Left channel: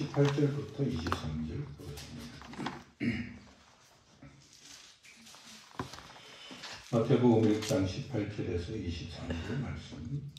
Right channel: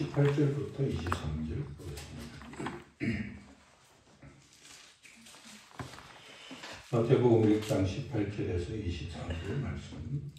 18절부터 23절 보겠습니다. 마태복음 1장 18절에서 23절 말씀.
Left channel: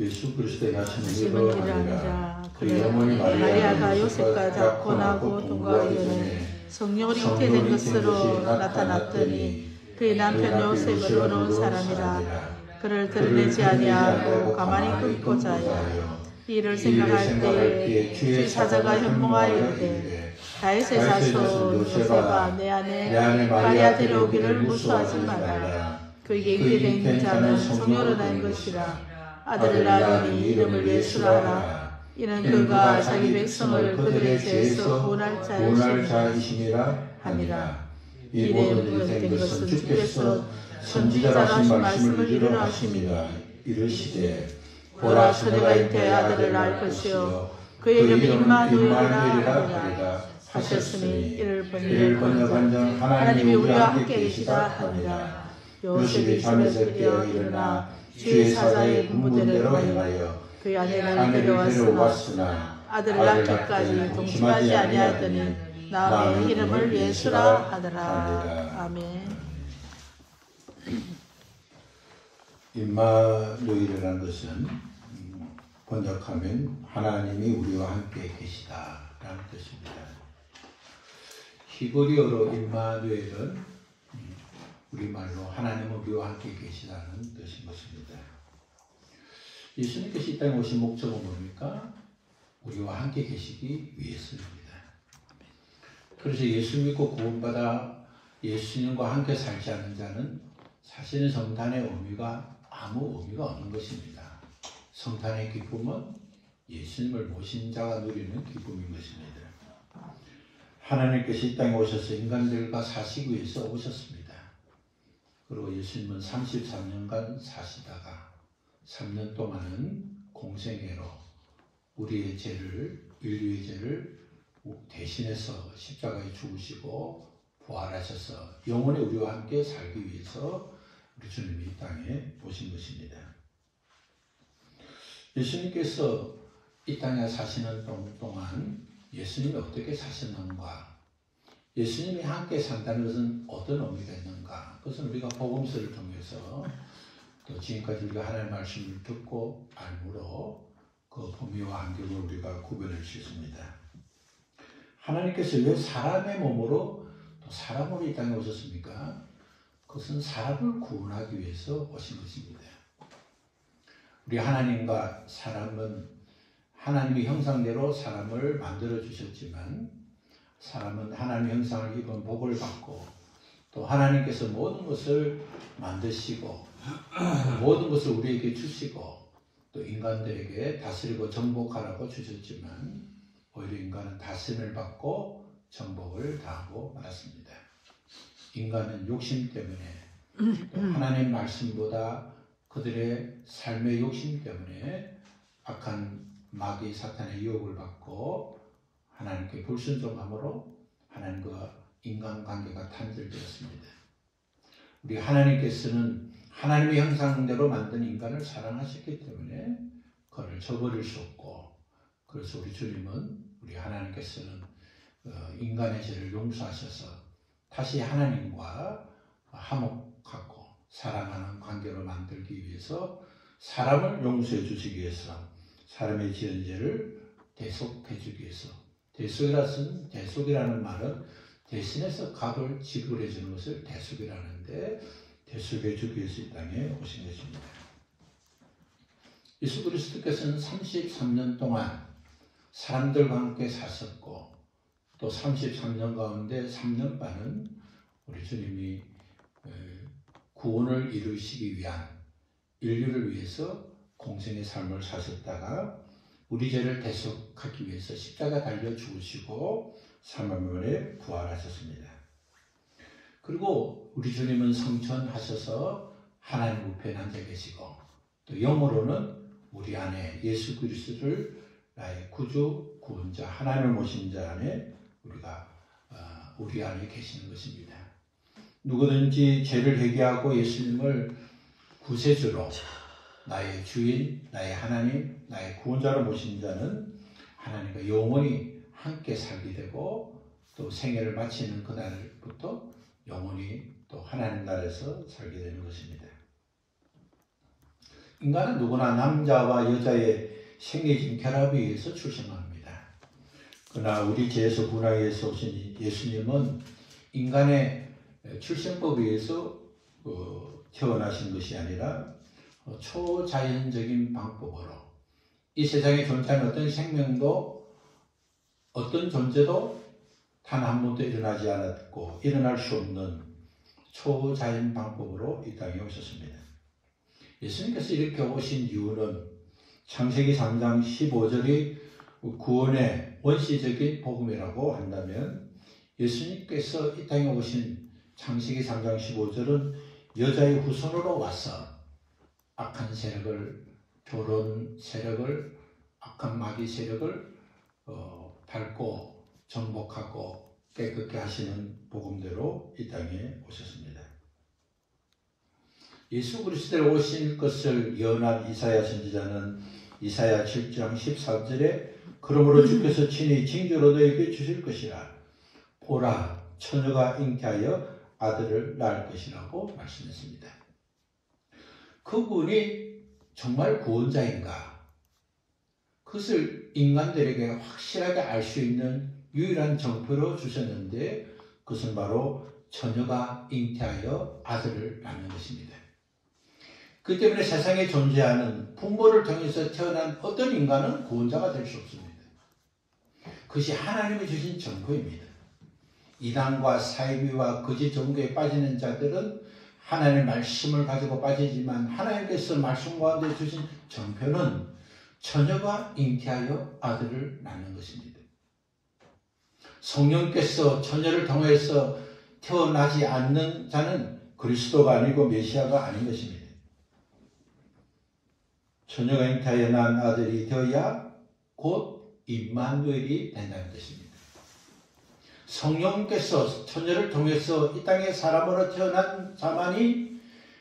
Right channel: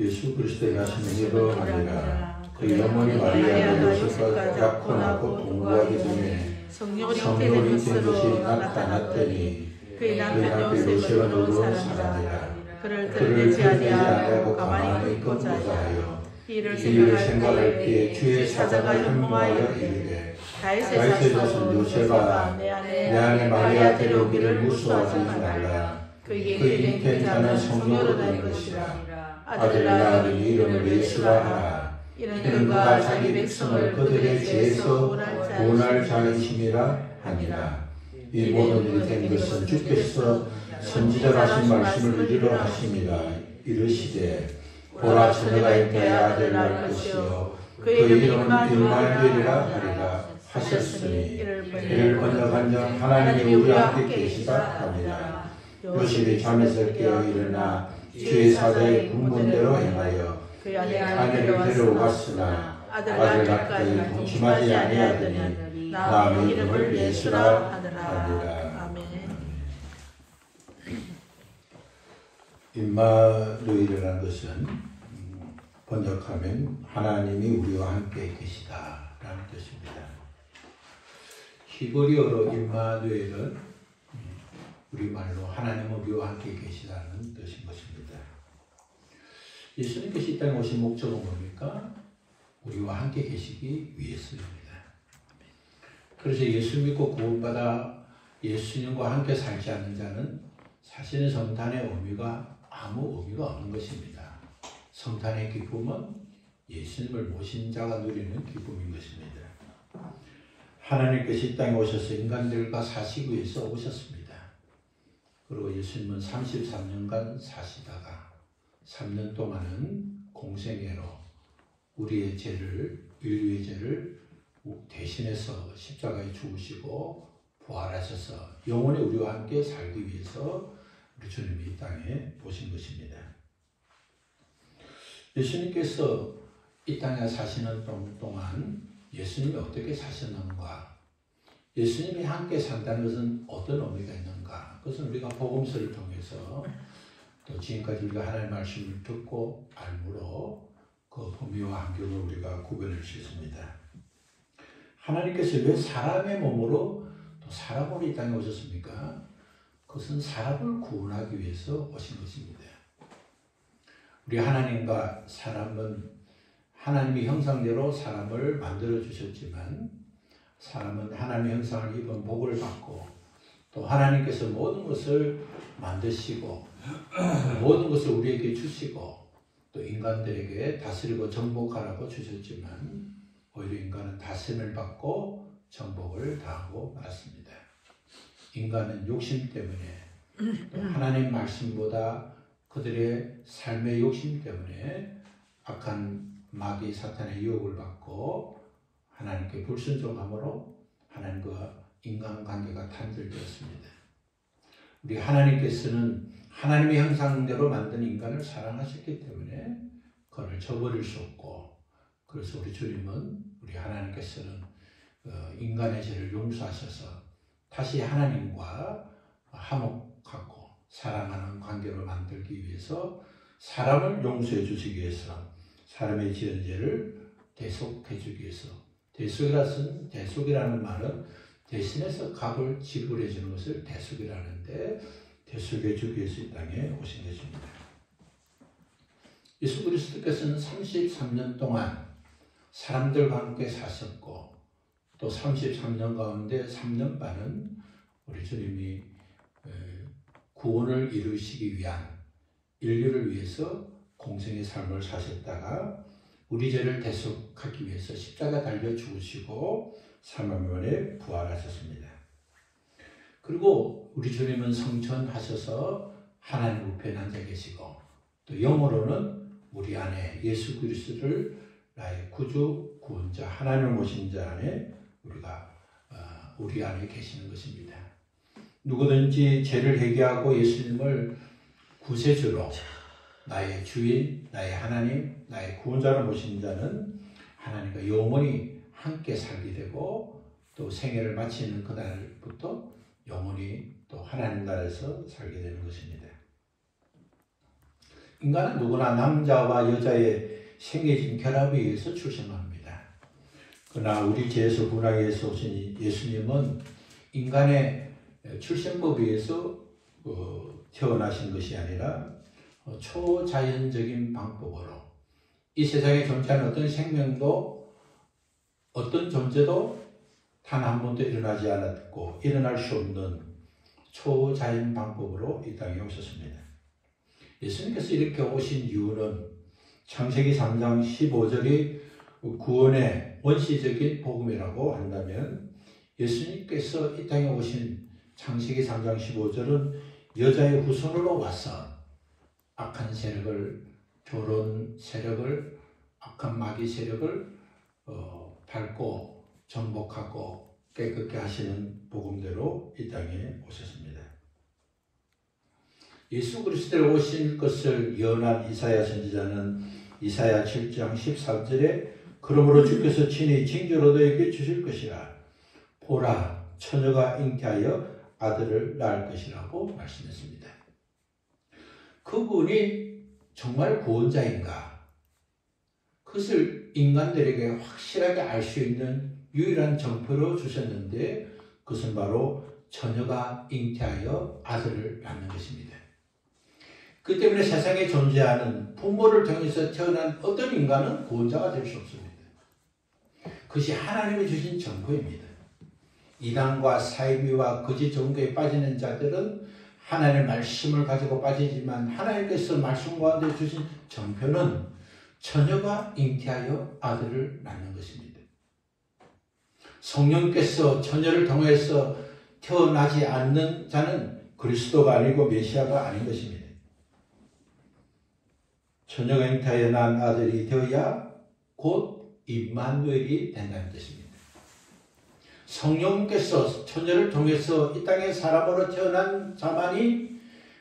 예수 그리스도의 하신 일로 아니라 그 영혼이 마리아와 요셉과 약혼하고 동거하기 전에 성령이 된 것으로 나타났더니 그의 남편 요셉으로 사람이라 그를 드러내지 아니하고 가만히 있고자 하여 이를 생각할 때에 주의 사자가 현몽하여 이르되 다윗의 자손 요셉아 내 안에 마리아 데려오기를 무수하지 말라. 그에게 된 자는 성령으로 된 것이라. 아들을 낳으니 이름을 예수라 하라. 이는 그가 자기 백성을 그들의 죄에서 구원할 자이심이라 하니라. 이 모든 일이 된 것은 주께서 선지자로 하신 말씀을 이루려 하십니다. 이르시되 보라 처녀가 잉태하여 아들을 낳을 것이요 그의 이름은 임마누엘이라 하리라 하셨으니 이를 번역한 자 하나님이 우리와 함께 계시다 합니다. 요셉이 잠에서 깨어 일어나 주의 사자의 문문대로 행하여 그의 아내를 데려왔으나 아들 낳기까지 동침하지 아니하더니 낳은 이름을 예수라 하더라. 아멘. 임마누엘이라는 것은 번역하면 하나님이 우리와 함께 계시다라는 뜻입니다. 히브리어로 임마누엘은 우리말로 하나님 우리와 함께 계시다는 뜻인 것입니다. 예수님께서 이 땅에 오신 목적은 뭡니까? 우리와 함께 계시기 위해서입니다. 그래서 예수 믿고 구원받아 예수님과 함께 살지 않는 자는 사실은 성탄의 의미가 아무 의미가 없는 것입니다. 성탄의 기쁨은 예수님을 모신 자가 누리는 기쁨인 것입니다. 하나님께서 이 땅에 오셔서 인간들과 사시기 위해서 오셨습니다. 그리고 예수님은 33년간 사시다가 3년 동안은 공생애로 우리의 죄를, 인류의 죄를 대신해서 십자가에 죽으시고 부활하셔서 영원히 우리와 함께 살기 위해서 우리 주님이 이 땅에 오신 것입니다. 예수님께서 이 땅에 사시는 동안 예수님이 어떻게 사셨는가, 예수님이 함께 산다는 것은 어떤 의미가 있는가, 그것은 우리가 복음서를 통해서 또 지금까지 우리가 하나님의 말씀을 듣고 알므로 그 범위와 한계를 우리가 구별할 수 있습니다. 하나님께서 왜 사람의 몸으로 또 사람으로 이 땅에 오셨습니까? 그것은 사람을 구원하기 위해서 오신 것입니다. 우리 하나님과 사람은 하나님의 형상대로 사람을 만들어 주셨지만 사람은 하나님의 형상을 입은 복을 받고 또 하나님께서 모든 것을 만드시고 모든 것을 우리에게 주시고 또 인간들에게 다스리고 정복하라고 주셨지만 오히려 인간은 다스림을 받고 정복을 당하고 말았습니다. 인간은 욕심 때문에 하나님 말씀보다 그들의 삶의 욕심 때문에 악한 마귀 사탄의 유혹을 받고 하나님께 불순종함으로 하나님과 인간관계가 단절되었습니다. 우리 하나님께서는 하나님의 형상대로 만든 인간을 사랑하셨기 때문에 그를 저버릴 수 없고, 그래서 우리 주님은 우리 하나님께서는 인간의 죄를 용서하셔서 다시 하나님과 화목하고 사랑하는 관계로 만들기 위해서 사람을 용서해 주시기 위해서 사람의 지은 죄를 대속해 주기 위해서, 대속이라는 말은 대신해서 값을 지불해 주는 것을 대속이라는데 대속해 주기 위해서 이 땅에 오신 것입니다. 예수 그리스도께서는 33년 동안 사람들과 함께 사셨고 또 33년 가운데 3년 반은 우리 주님이 구원을 이루시기 위한 인류를 위해서 공생의 삶을 사셨다가 우리 죄를 대속하기 위해서 십자가 달려 죽으시고 3일 만에 부활하셨습니다. 그리고 우리 주님은 성천하셔서 하나님 우편에 앉아 계시고 또 영으로는 우리 안에 예수 그리스도를 나의 구주, 구원자, 하나님을 모신 자 안에 우리 안에 계시는 것입니다. 누구든지 죄를 회개하고 예수님을 구세주로 나의 주인, 나의 하나님, 나의 구원자로 모신 자는 하나님과 영원히 함께 살게 되고 또 생애를 마치는 그날부터 영원히 또 하나님 나라에서 살게 되는 것입니다. 인간은 누구나 남자와 여자의 생리적 결합에 의해서 출생합니다. 그러나 우리 죄에서 군하에서 오신 예수님은 인간의 출생법에 의해서 태어나신 것이 아니라 초자연적인 방법으로 이 세상에 존재하는 어떤 생명도 어떤 존재도 단 한 번도 일어나지 않았고 일어날 수 없는 초자연 방법으로 이 땅에 오셨습니다. 예수님께서 이렇게 오신 이유는 창세기 3장 15절이 구원의 원시적인 복음이라고 한다면 예수님께서 이 땅에 오신 창세기 3장 15절은 여자의 후손으로 와서 악한 세력을, 결혼 세력을, 악한 마귀 세력을 밟고 정복하고 깨끗게 하시는 복음대로 이 땅에 오셨습니다. 예수 그리스도로 오신 것을 예언한 이사야 선지자는 이사야 7장 14절에 그러므로 주께서 친히 징조로 너에게 주실 것이라 보라 처녀가 잉태하여 아들을 낳을 것이라고 말씀했습니다. 그분이 정말 구원자인가? 그것을 인간들에게 확실하게 알 수 있는 유일한 정표로 주셨는데 그것은 바로 처녀가 잉태하여 아들을 낳는 것입니다. 그 때문에 세상에 존재하는 부모를 통해서 태어난 어떤 인간은 구원자가 될 수 없습니다. 그것이 하나님이 주신 정보입니다. 이단과 사이비와 거짓 종교에 빠지는 자들은 하나님의 말씀을 가지고 빠지지만 하나님께서 말씀 가운데 주신 정표는 처녀가 잉태하여 아들을 낳는 것입니다. 성령께서 처녀를 통해서 태어나지 않는 자는 그리스도가 아니고 메시아가 아닌 것입니다. 처녀가 잉태하여 낳은 아들이 되어야 곧 임마누엘이 된다는 뜻입니다. 성령께서 처녀를 통해서 이 땅에 사람으로 태어난 자만이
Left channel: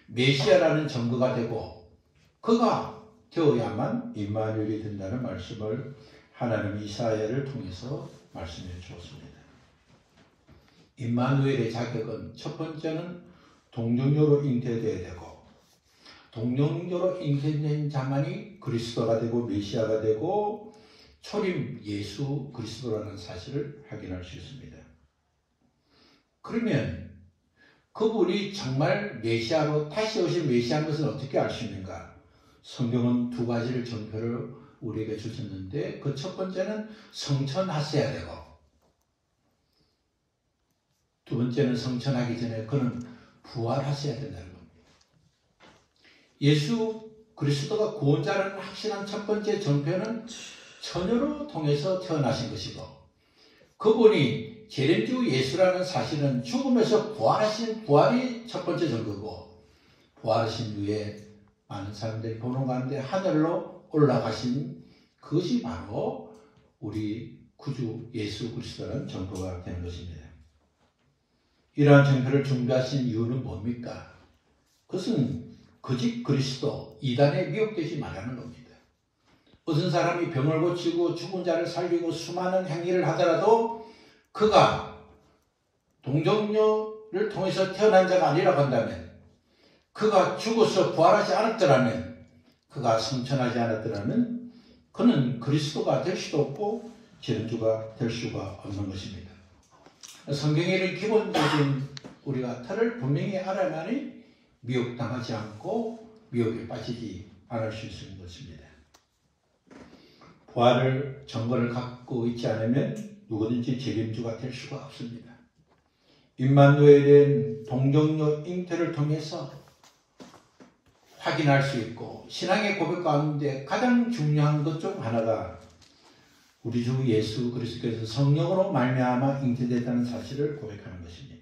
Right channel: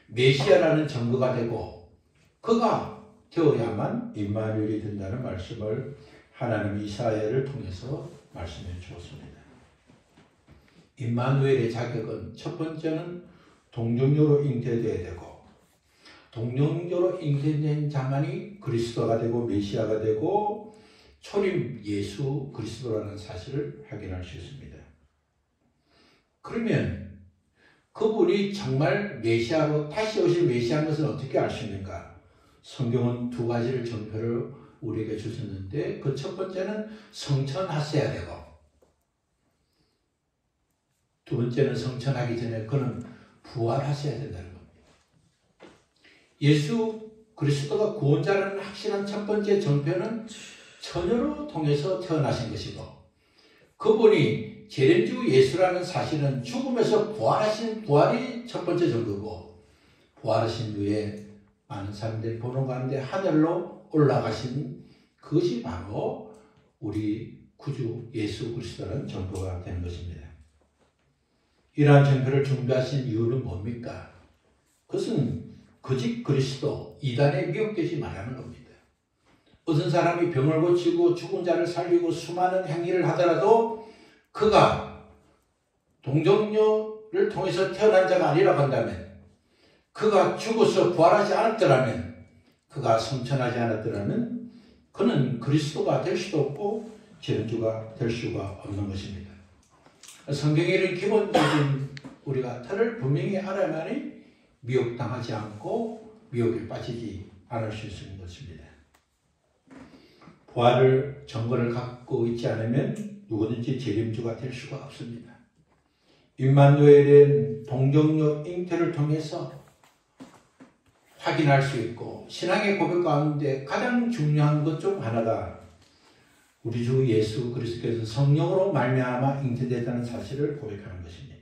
메시아라는 증거가 되고 그가 되어야만 임마누엘이 된다는 말씀을 하나님 이사야를 통해서 말씀해 주었습니다. 임마누엘의 자격은 첫 번째는 동정녀로 잉태되어야 되고 동정녀로 잉태된 자만이 그리스도가 되고 메시아가 되고 초림 예수 그리스도라는 사실을 확인할 수 있습니다. 그러면 그분이 정말 메시아로 다시 오신 메시아인 것을 어떻게 알 수 있는가? 성경은 두 가지를 정표를 우리에게 주셨는데 그 첫 번째는 성천하셔야 되고 두 번째는 성천하기 전에 그는 부활하셔야 된다는 겁니다. 예수 그리스도가 구원자라는 확실한 첫 번째 정표는 처녀로 통해서 태어나신 것이고 그분이 재림주 예수라는 사실은 죽음에서 부활하신 부활이 첫 번째 증거고 부활하신 후에 많은 사람들이 보는 가운데 하늘로 올라가신 그것이 바로 우리 구주 예수 그리스도라는 증거가 되는 것입니다. 이러한 증거를 준비하신 이유는 뭡니까? 그것은 거짓 그리스도 이단에 미혹되지 말라는 겁니다. 어떤 사람이 병을 고치고 죽은 자를 살리고 수많은 행위를 하더라도 그가 동정녀를 통해서 태어난 자가 아니라고 한다면 그가 죽어서 부활하지 않았더라면 그가 성천하지 않았더라면 그는 그리스도가 될 수도 없고 재림주가 될 수가 없는 것입니다. 성경에 이런 기본적인 우리가 틀을 분명히 알아야만이 미혹당하지 않고 미혹에 빠지지 않을 수 있는 것입니다. 부활을 정보를 갖고 있지 않으면 누구든지 재림주가 될 수가 없습니다. 임마누엘은 동정녀 잉태를 통해서 확인할 수 있고 신앙의 고백 가운데 가장 중요한 것 중 하나가 우리 주 예수 그리스도께서 성령으로 말미암아 잉태됐다는 사실을 고백하는 것입니다.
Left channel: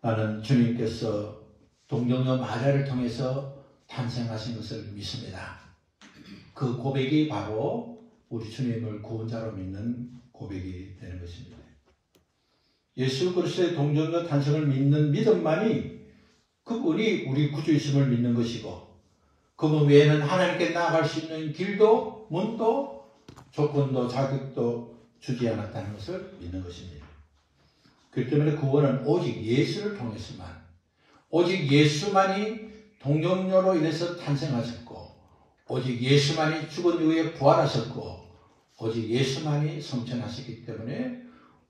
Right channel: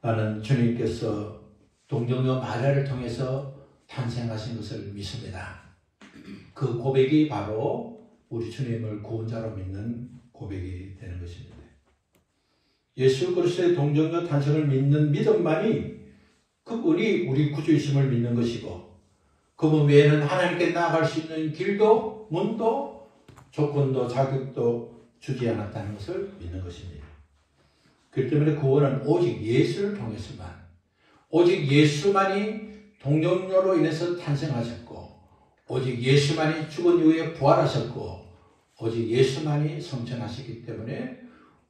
나는 주님께서 동정녀 마리아를 통해서 탄생하신 것을 믿습니다. 그 고백이 바로 우리 주님을 구원자로 믿는 고백이 되는 것입니다. 예수 그리스도의 동정녀 탄생을 믿는 믿음만이 그분이 우리 구주이심을 믿는 것이고 그분 외에는 하나님께 나아갈 수 있는 길도 문도 조건도 자격도 주지 않았다는 것을 믿는 것입니다. 그렇기 때문에 구원은 오직 예수를 통해서만, 오직 예수만이 동정녀로 인해서 탄생하셨고, 오직 예수만이 죽은 이후에 부활하셨고, 오직 예수만이 성천하셨기 때문에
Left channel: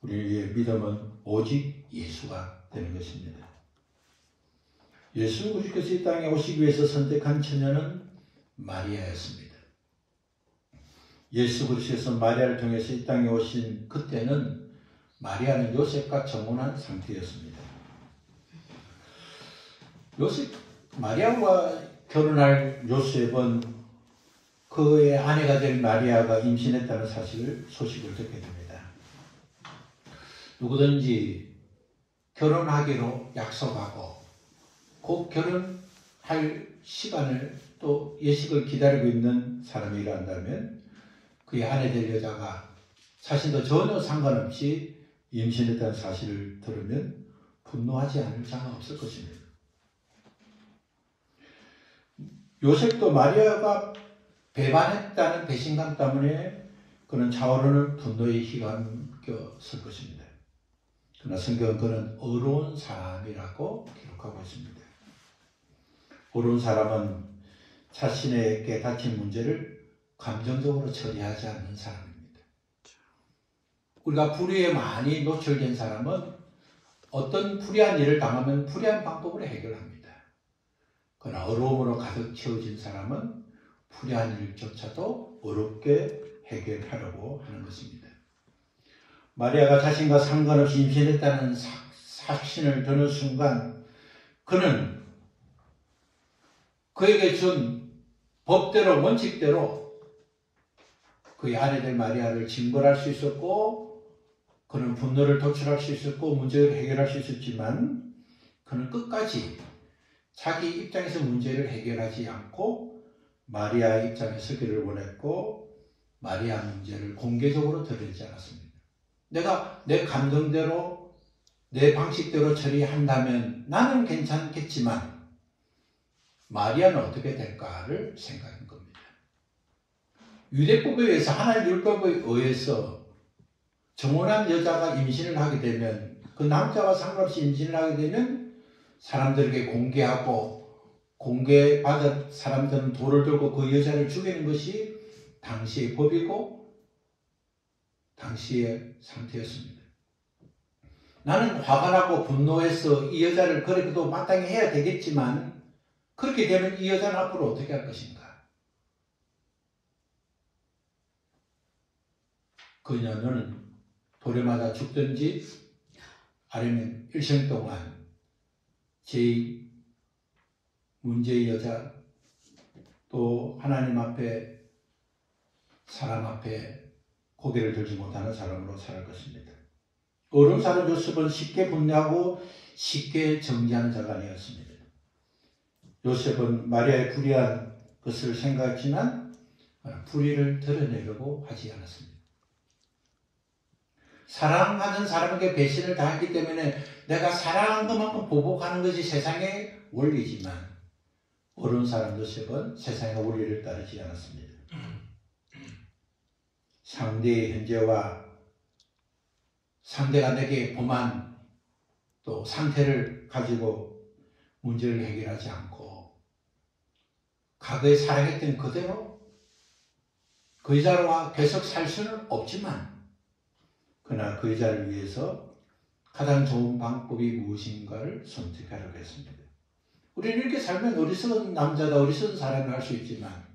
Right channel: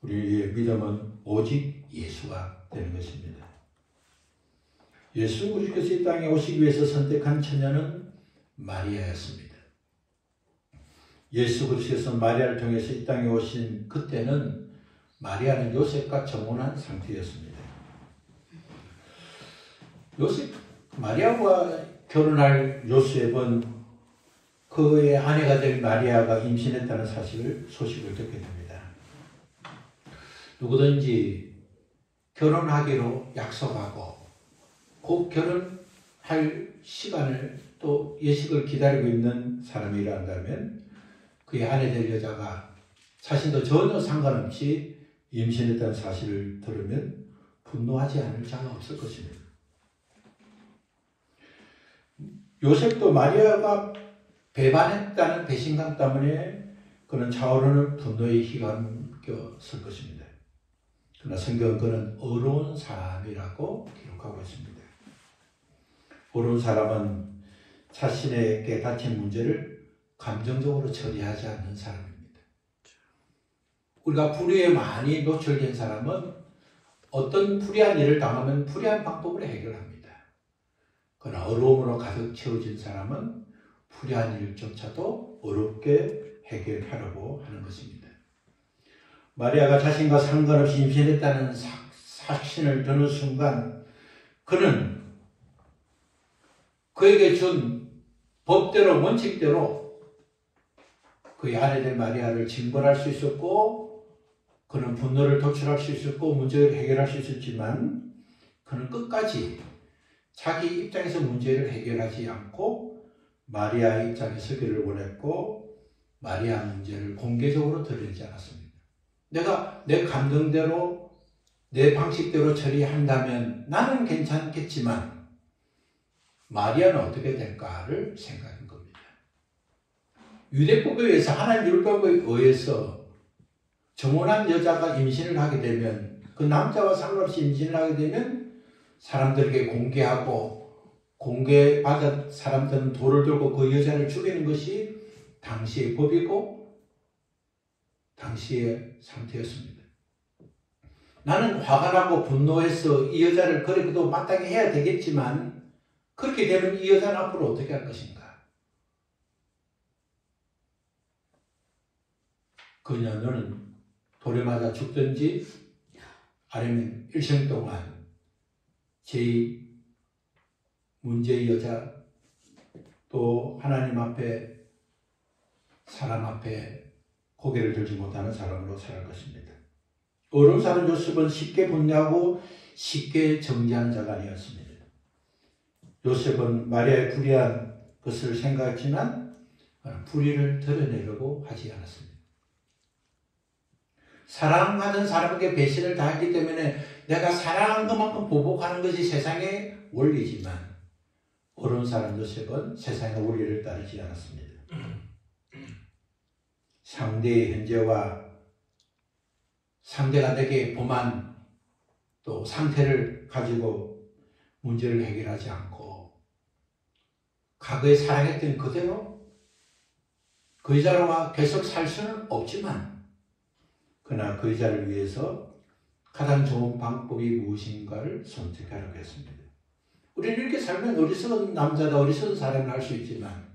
우리의 믿음은 오직 예수가 되는 것입니다. 예수 그리스도께서 이 땅에 오시기 위해서 선택한 처녀는 마리아였습니다. 예수 그리스도께서 마리아를 통해서 이 땅에 오신 그때는 마리아는 요셉과 정혼한 상태였습니다. 마리아와 결혼할 요셉은 그의 아내가 된 마리아가 임신했다는 소식을 듣게 됩니다. 누구든지 결혼하기로 약속하고 곧 결혼할 시간을 또 예식을 기다리고 있는 사람이란다면 그의 아내 될 여자가 자신도 전혀 상관없이 임신했다는 사실을 들으면 분노하지 않을 자가 없을 것입니다. 요셉도 마리아가 배반했다는 배신감 때문에 그는 차오르는 분노에 휘감겼을 것입니다. 그러나 성경은 그는 어려운 사람이라고 기록하고 있습니다. 어려운 사람은 자신에게 닥친 문제를 감정적으로 처리하지 않는 사람입니다. 우리가 불의에 많이 노출된 사람은 어떤 불의한 일을 당하면 불의한 방법으로 해결합니다. 그러나 어려움으로 가득 채워진 사람은 불의한 일조차도 어렵게 해결하려고 하는 것입니다. 마리아가 자신과 상관없이 임신했다는 확신을 드는 순간 그는 그에게 준 법대로 원칙대로 그의 아내들 마리아를 징벌할 수 있었고 그는 분노를 도출할 수 있었고 문제를 해결할 수 있었지만 그는 끝까지 자기 입장에서 문제를 해결하지 않고 마리아 입장에 서기를 원했고 마리아 문제를 공개적으로 드러내지 않았습니다. 내가 내 감정대로 내 방식대로 처리한다면 나는 괜찮겠지만 마리아는 어떻게 될까를 생각한 겁니다. 유대법에 의해서 하나님 율법에 의해서 정혼한 여자가 임신을 하게 되면 그 남자와 상관없이 임신을 하게 되면 사람들에게 공개하고 공개받은 사람들은 돌을 들고 그 여자를 죽이는 것이 당시의 법이고 당시의 상태였습니다. 나는 화가 나고 분노해서 이 여자를 그래도 마땅히 해야 되겠지만 그렇게 되면 이 여자는 앞으로 어떻게 할 것인가? 그녀는 돌에 맞아 죽든지 아니면 일생 동안 제 문제의 여자 또 하나님 앞에 사람 앞에 고개를 들지 못하는 사람으로 살 것입니다. 어려운 사람 요셉은 쉽게 분노하고 쉽게 정죄하는 자가 아니었습니다. 요셉은 마리아의 불의한 것을 생각했지만 불의를 드러내려고 하지 않았습니다. 사랑하는 사람에게 배신을 당했기 때문에 내가 사랑한 것만큼 보복하는 것이 세상의 원리지만 어려운 사람 요셉은 세상의 원리를 따르지 않았습니다. 상대의 현재와 상대가 내게 범한 또 상태를 가지고 문제를 해결하지 않고 과거에 사랑했던 그대로 그 여자와 계속 살 수는 없지만 그러나 그 여자를 위해서 가장 좋은 방법이 무엇인가를 선택하려고 했습니다. 우리는 이렇게 살면 어리석은 남자다 어리석은 사람을 할 수 있지만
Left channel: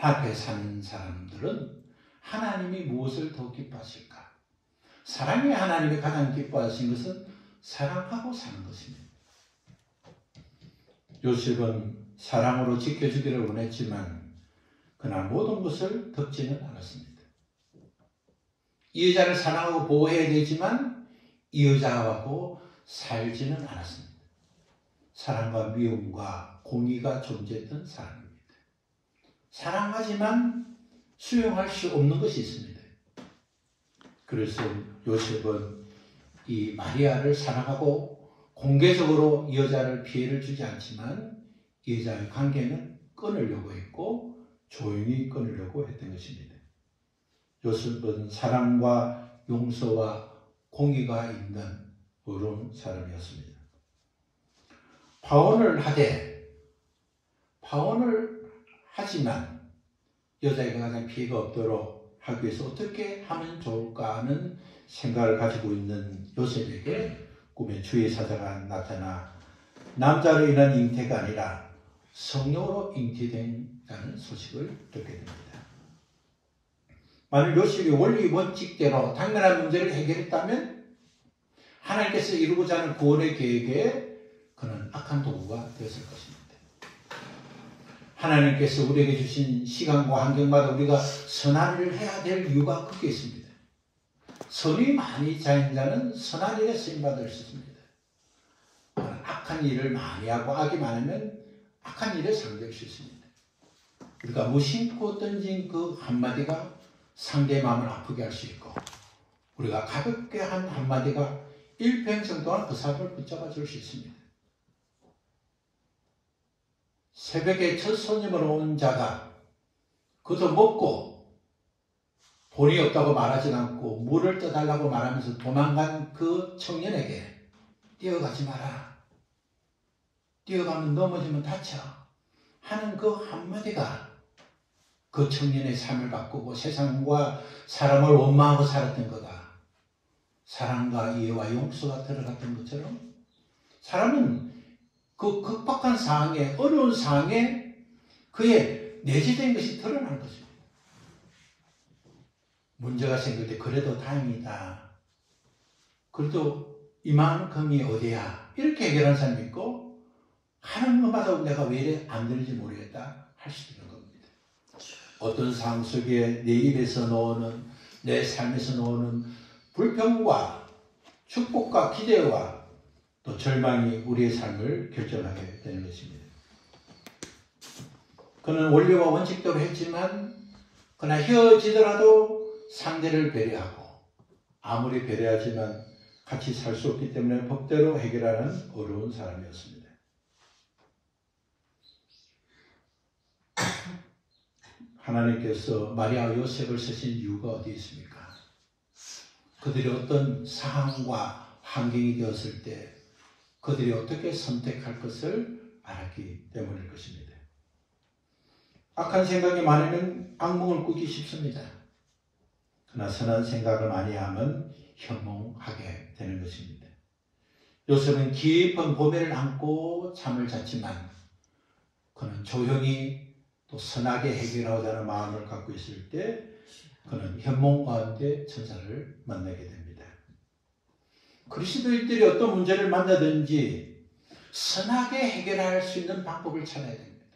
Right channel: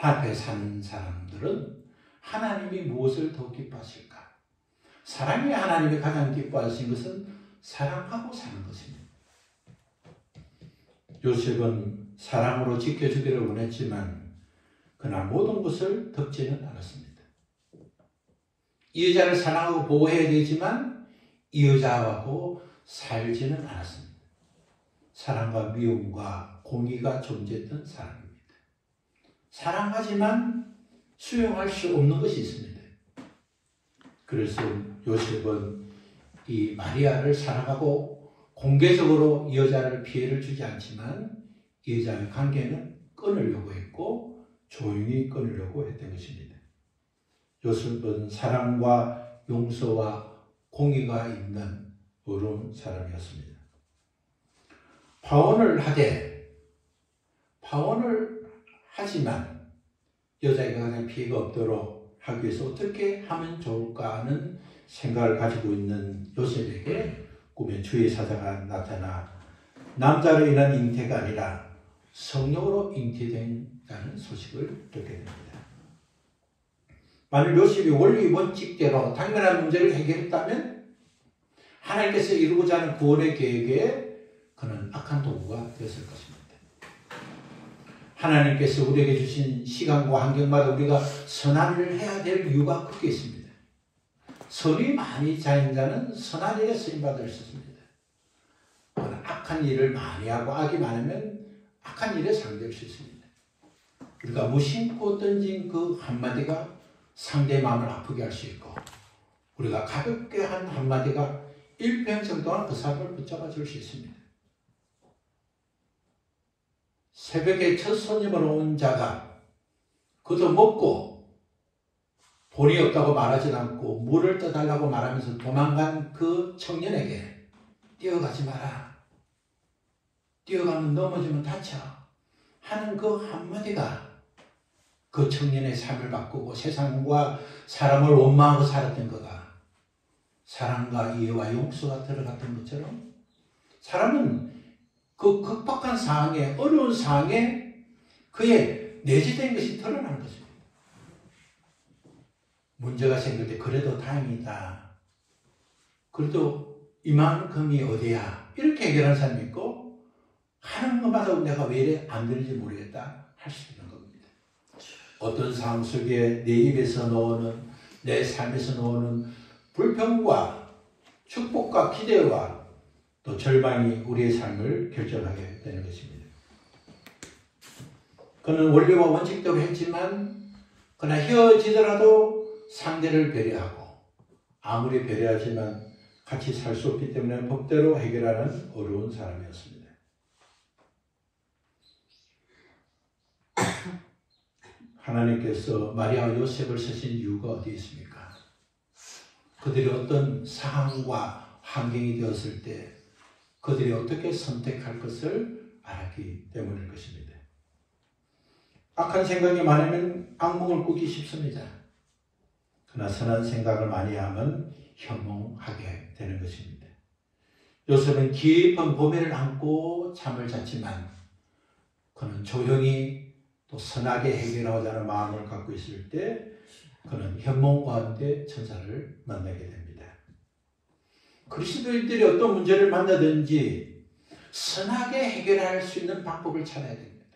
앞에 사는 사람들은 하나님이 무엇을 더 기뻐하실까? 사랑이 하나님이 가장 기뻐하신 것은 사랑하고 사는 것입니다. 요셉은 사랑으로 지켜주기를 원했지만 그러나 모든 것을 덮지는 않았습니다. 이 여자를 사랑하고 보호해야 되지만 이 여자하고 살지는 않았습니다. 사랑과 미움과 공의가 존재했던 사람입니다. 사랑하지만 수용할 수 없는 것이 있습니다. 그래서 요셉은 이 마리아를 사랑하고 공개적으로 이 여자를 피해를 주지 않지만 이 여자의 관계는 끊으려고 했고 조용히 끊으려고 했던 것입니다. 요셉은 사랑과 용서와 공의가 있는 어려운 사람이었습니다. 파혼을 하지만 여자에게 가장 피해가 없도록 하기 위해서 어떻게 하면 좋을까 하는 생각을 가지고 있는 요셉에게 꿈에 주의 사자가 나타나 남자로 인한 잉태가 아니라 성령으로 잉태된다는 소식을 듣게 됩니다. 만일 요셉이 원리 원칙대로 당면한 문제를 해결했다면 하나님께서 이루고자 하는 구원의 계획에 그는 악한 도구가 되었을 것입니다. 하나님께서 우리에게 주신 시간과 환경마다 우리가 선한 일을 해야 될 이유가 크게 있습니다. 선이 많이 자인 자는 선한 일에 쓰임받을 수 있습니다. 악한 일을 많이 하고 악이 많으면 악한 일에 사용될 수 있습니다. 우리가 무심코 던진 그 한마디가 상대의 마음을 아프게 할 수 있고 우리가 가볍게 한 한마디가 일평생 동안 그 사람을 붙잡아 줄 수 있습니다. 새벽에 첫 손님을 온 자가 그도 먹고 돈이 없다고 말하지 않고 물을 떠달라고 말하면서 도망간 그 청년에게 뛰어가지 마라. 뛰어가면 넘어지면 다쳐. 하는 그 한마디가 그 청년의 삶을 바꾸고 세상과 사람을 원망하고 살았던 거가 사랑과 이해와 용서가 들어갔던 것처럼 사람은 그 극박한 상황에 어려운 상황에 그의 내재된 것이 드러나는 것입니다. 문제가 생길 때 그래도 다행이다. 그래도 이만큼이 어디야. 이렇게 해결하는 사람이 있고 하는 것마다 내가 왜 이래 안 되는지 모르겠다 할 수 있는 겁니다. 어떤 상황 속에 내 입에서 나오는 내 삶에서 나오는 불평과 축복과 기대와 또 절망이 우리의 삶을 결정하게 되는 것입니다. 그는 원리와 원칙대로 했지만 그러나 헤어지더라도 상대를 배려하고 아무리 배려하지만 같이 살 수 없기 때문에 법대로 해결하는 어려운 사람이었습니다. 하나님께서 마리아와 요셉을 쓰신 이유가 어디 있습니까? 그들이 어떤 상황과 환경이 되었을 때 그들이 어떻게 선택할 것을 알았기 때문일 것입니다. 악한 생각이 많으면 악몽을 꾸기 쉽습니다. 그러나 선한 생각을 많이 하면 현몽하게 되는 것입니다. 요셉은 깊은 고민을 안고 잠을 잤지만 그는 조용히 또 선하게 해결하고자 하는 마음을 갖고 있을 때 그는 현몽 가운데 천사를 만나게 됩니다. 그리스도인들이 어떤 문제를 만나든지 선하게 해결할 수 있는 방법을 찾아야 됩니다.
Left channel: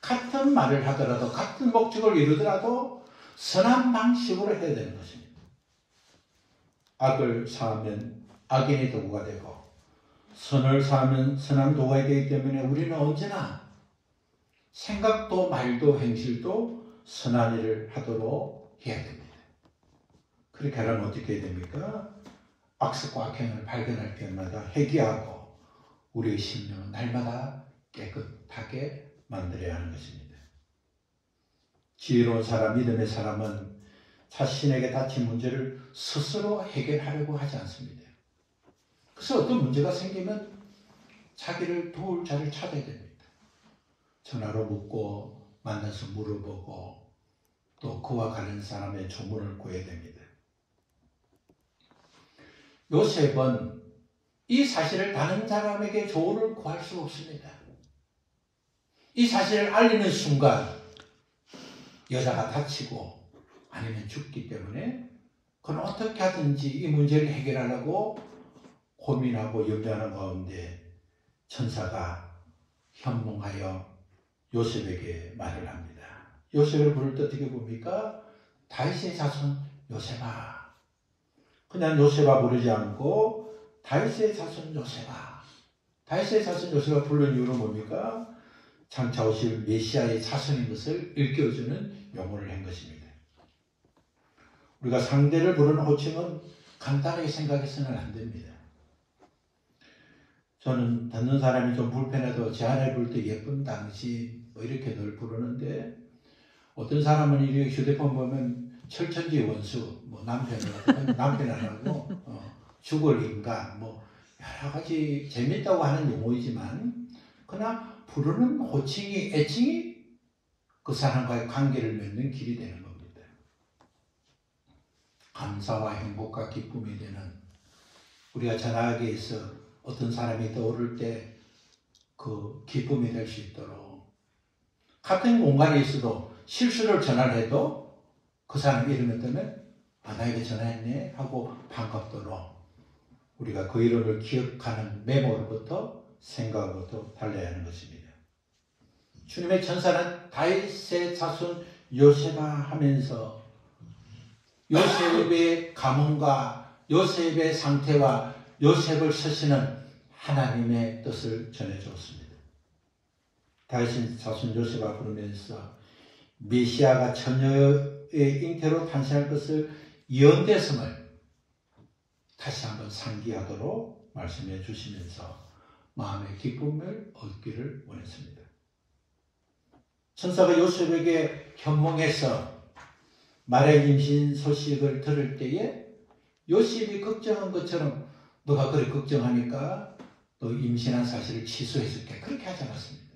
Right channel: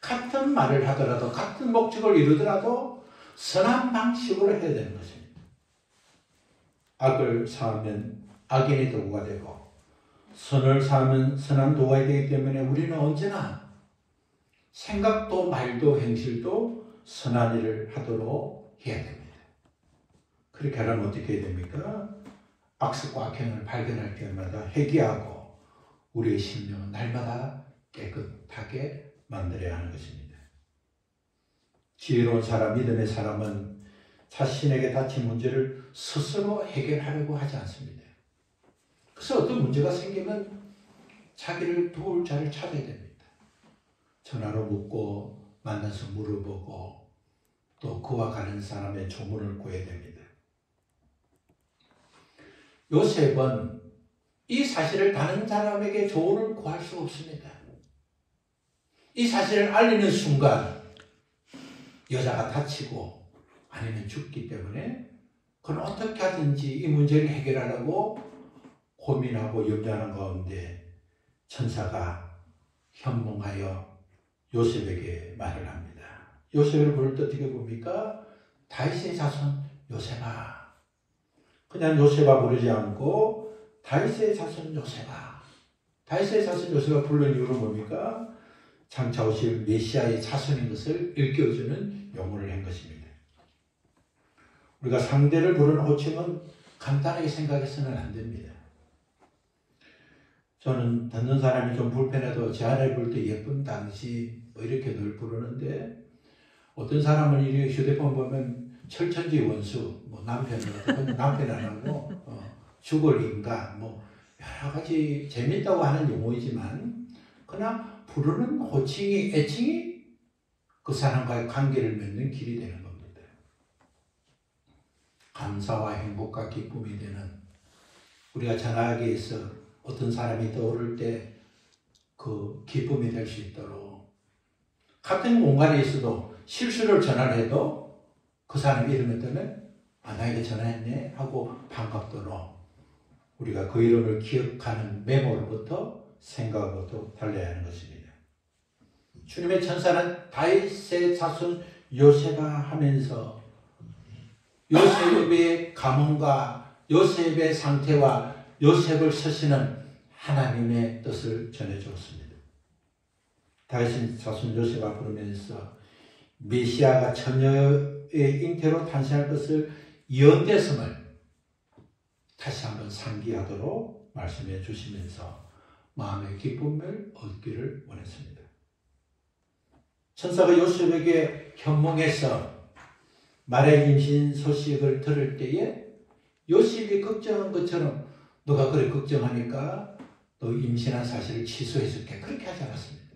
같은 말을 하더라도 같은 목적을 이루더라도 선한 방식으로 해야 되는 것입니다. 악을 사하면 악인의 도구가 되고 선을 사하면 선한 도구가 되기 때문에 우리는 언제나 생각도 말도 행실도 선한 일을 하도록 해야 됩니다. 그렇게 하려면 어떻게 해야 됩니까? 악습과 악행을 발견할 때마다 회개하고 우리의 심령은 날마다 깨끗하게 만들어야 하는 것입니다. 지혜로운 사람, 믿음의 사람은 자신에게 닥친 문제를 스스로 해결하려고 하지 않습니다. 그래서 어떤 문제가 생기면 자기를 도울 자를 찾아야 됩니다. 전화로 묻고 만나서 물어보고 또 그와 가는 사람의 조문을 구해야 됩니다. 요셉은 이 사실을 다른 사람에게 조언을 구할 수 없습니다. 이 사실을 알리는 순간 여자가 다치고 아니면 죽기 때문에 그는 어떻게 하든지 이 문제를 해결하려고 고민하고 염려하는 가운데 천사가 현몽하여 요셉에게 말을 합니다. 요셉을 부를 때 어떻게 봅니까? 다윗의 자손 요셉아. 그냥 요셉아 부르지 않고 다윗의 자손 요셉아. 다윗의 자손 요셉아 부르는 이유는 뭡니까? 장차 오실 메시아의 자손인 것을 일깨워주는 용어를 한 것입니다. 우리가 상대를 부르는 호칭은 간단하게 생각해서는 안 됩니다. 저는 듣는 사람이 좀 불편해도 제 아내 부를 때 예쁜 당신 뭐 이렇게 늘 부르는데 어떤 사람은 이렇게 휴대폰 보면 철천지 원수, 뭐 남편은 남편 안 하고 죽을 인간, 뭐 여러 가지 재밌다고 하는 용어이지만 그러나 부르는 호칭이 애칭이 그 사람과의 관계를 맺는 길이 되는 겁니다. 감사와 행복과 기쁨이 되는 우리가 전화기에서 어떤 사람이 떠오를 때 그 기쁨이 될 수 있도록 같은 공간에 있어도 실수를 전화를 해도 그 사람 이름을 뜨면 나에게 전화했네 하고 반갑도록 우리가 그 이름을 기억하는 메모로부터 생각으로부터 달려야 하는 것입니다. 주님의 천사는 다윗의 자손 요셉아 하면서 요셉의 가문과 요셉의 상태와 요셉을 서시는 하나님의 뜻을 전해주었습니다. 다윗의 자손 요셉아 부르면서 메시아가 처녀의 잉태로 탄생할 것을 예언되었음을 다시 한번 상기하도록 말씀해 주시면서 마음의 기쁨을 얻기를 원했습니다. 천사가 요셉에게 현몽해서 말의 임신 소식을 들을 때에 요셉이 걱정한 것처럼 너가 그래 걱정하니까 너 임신한 사실을 취소해줄게 그렇게 하지 않았습니다.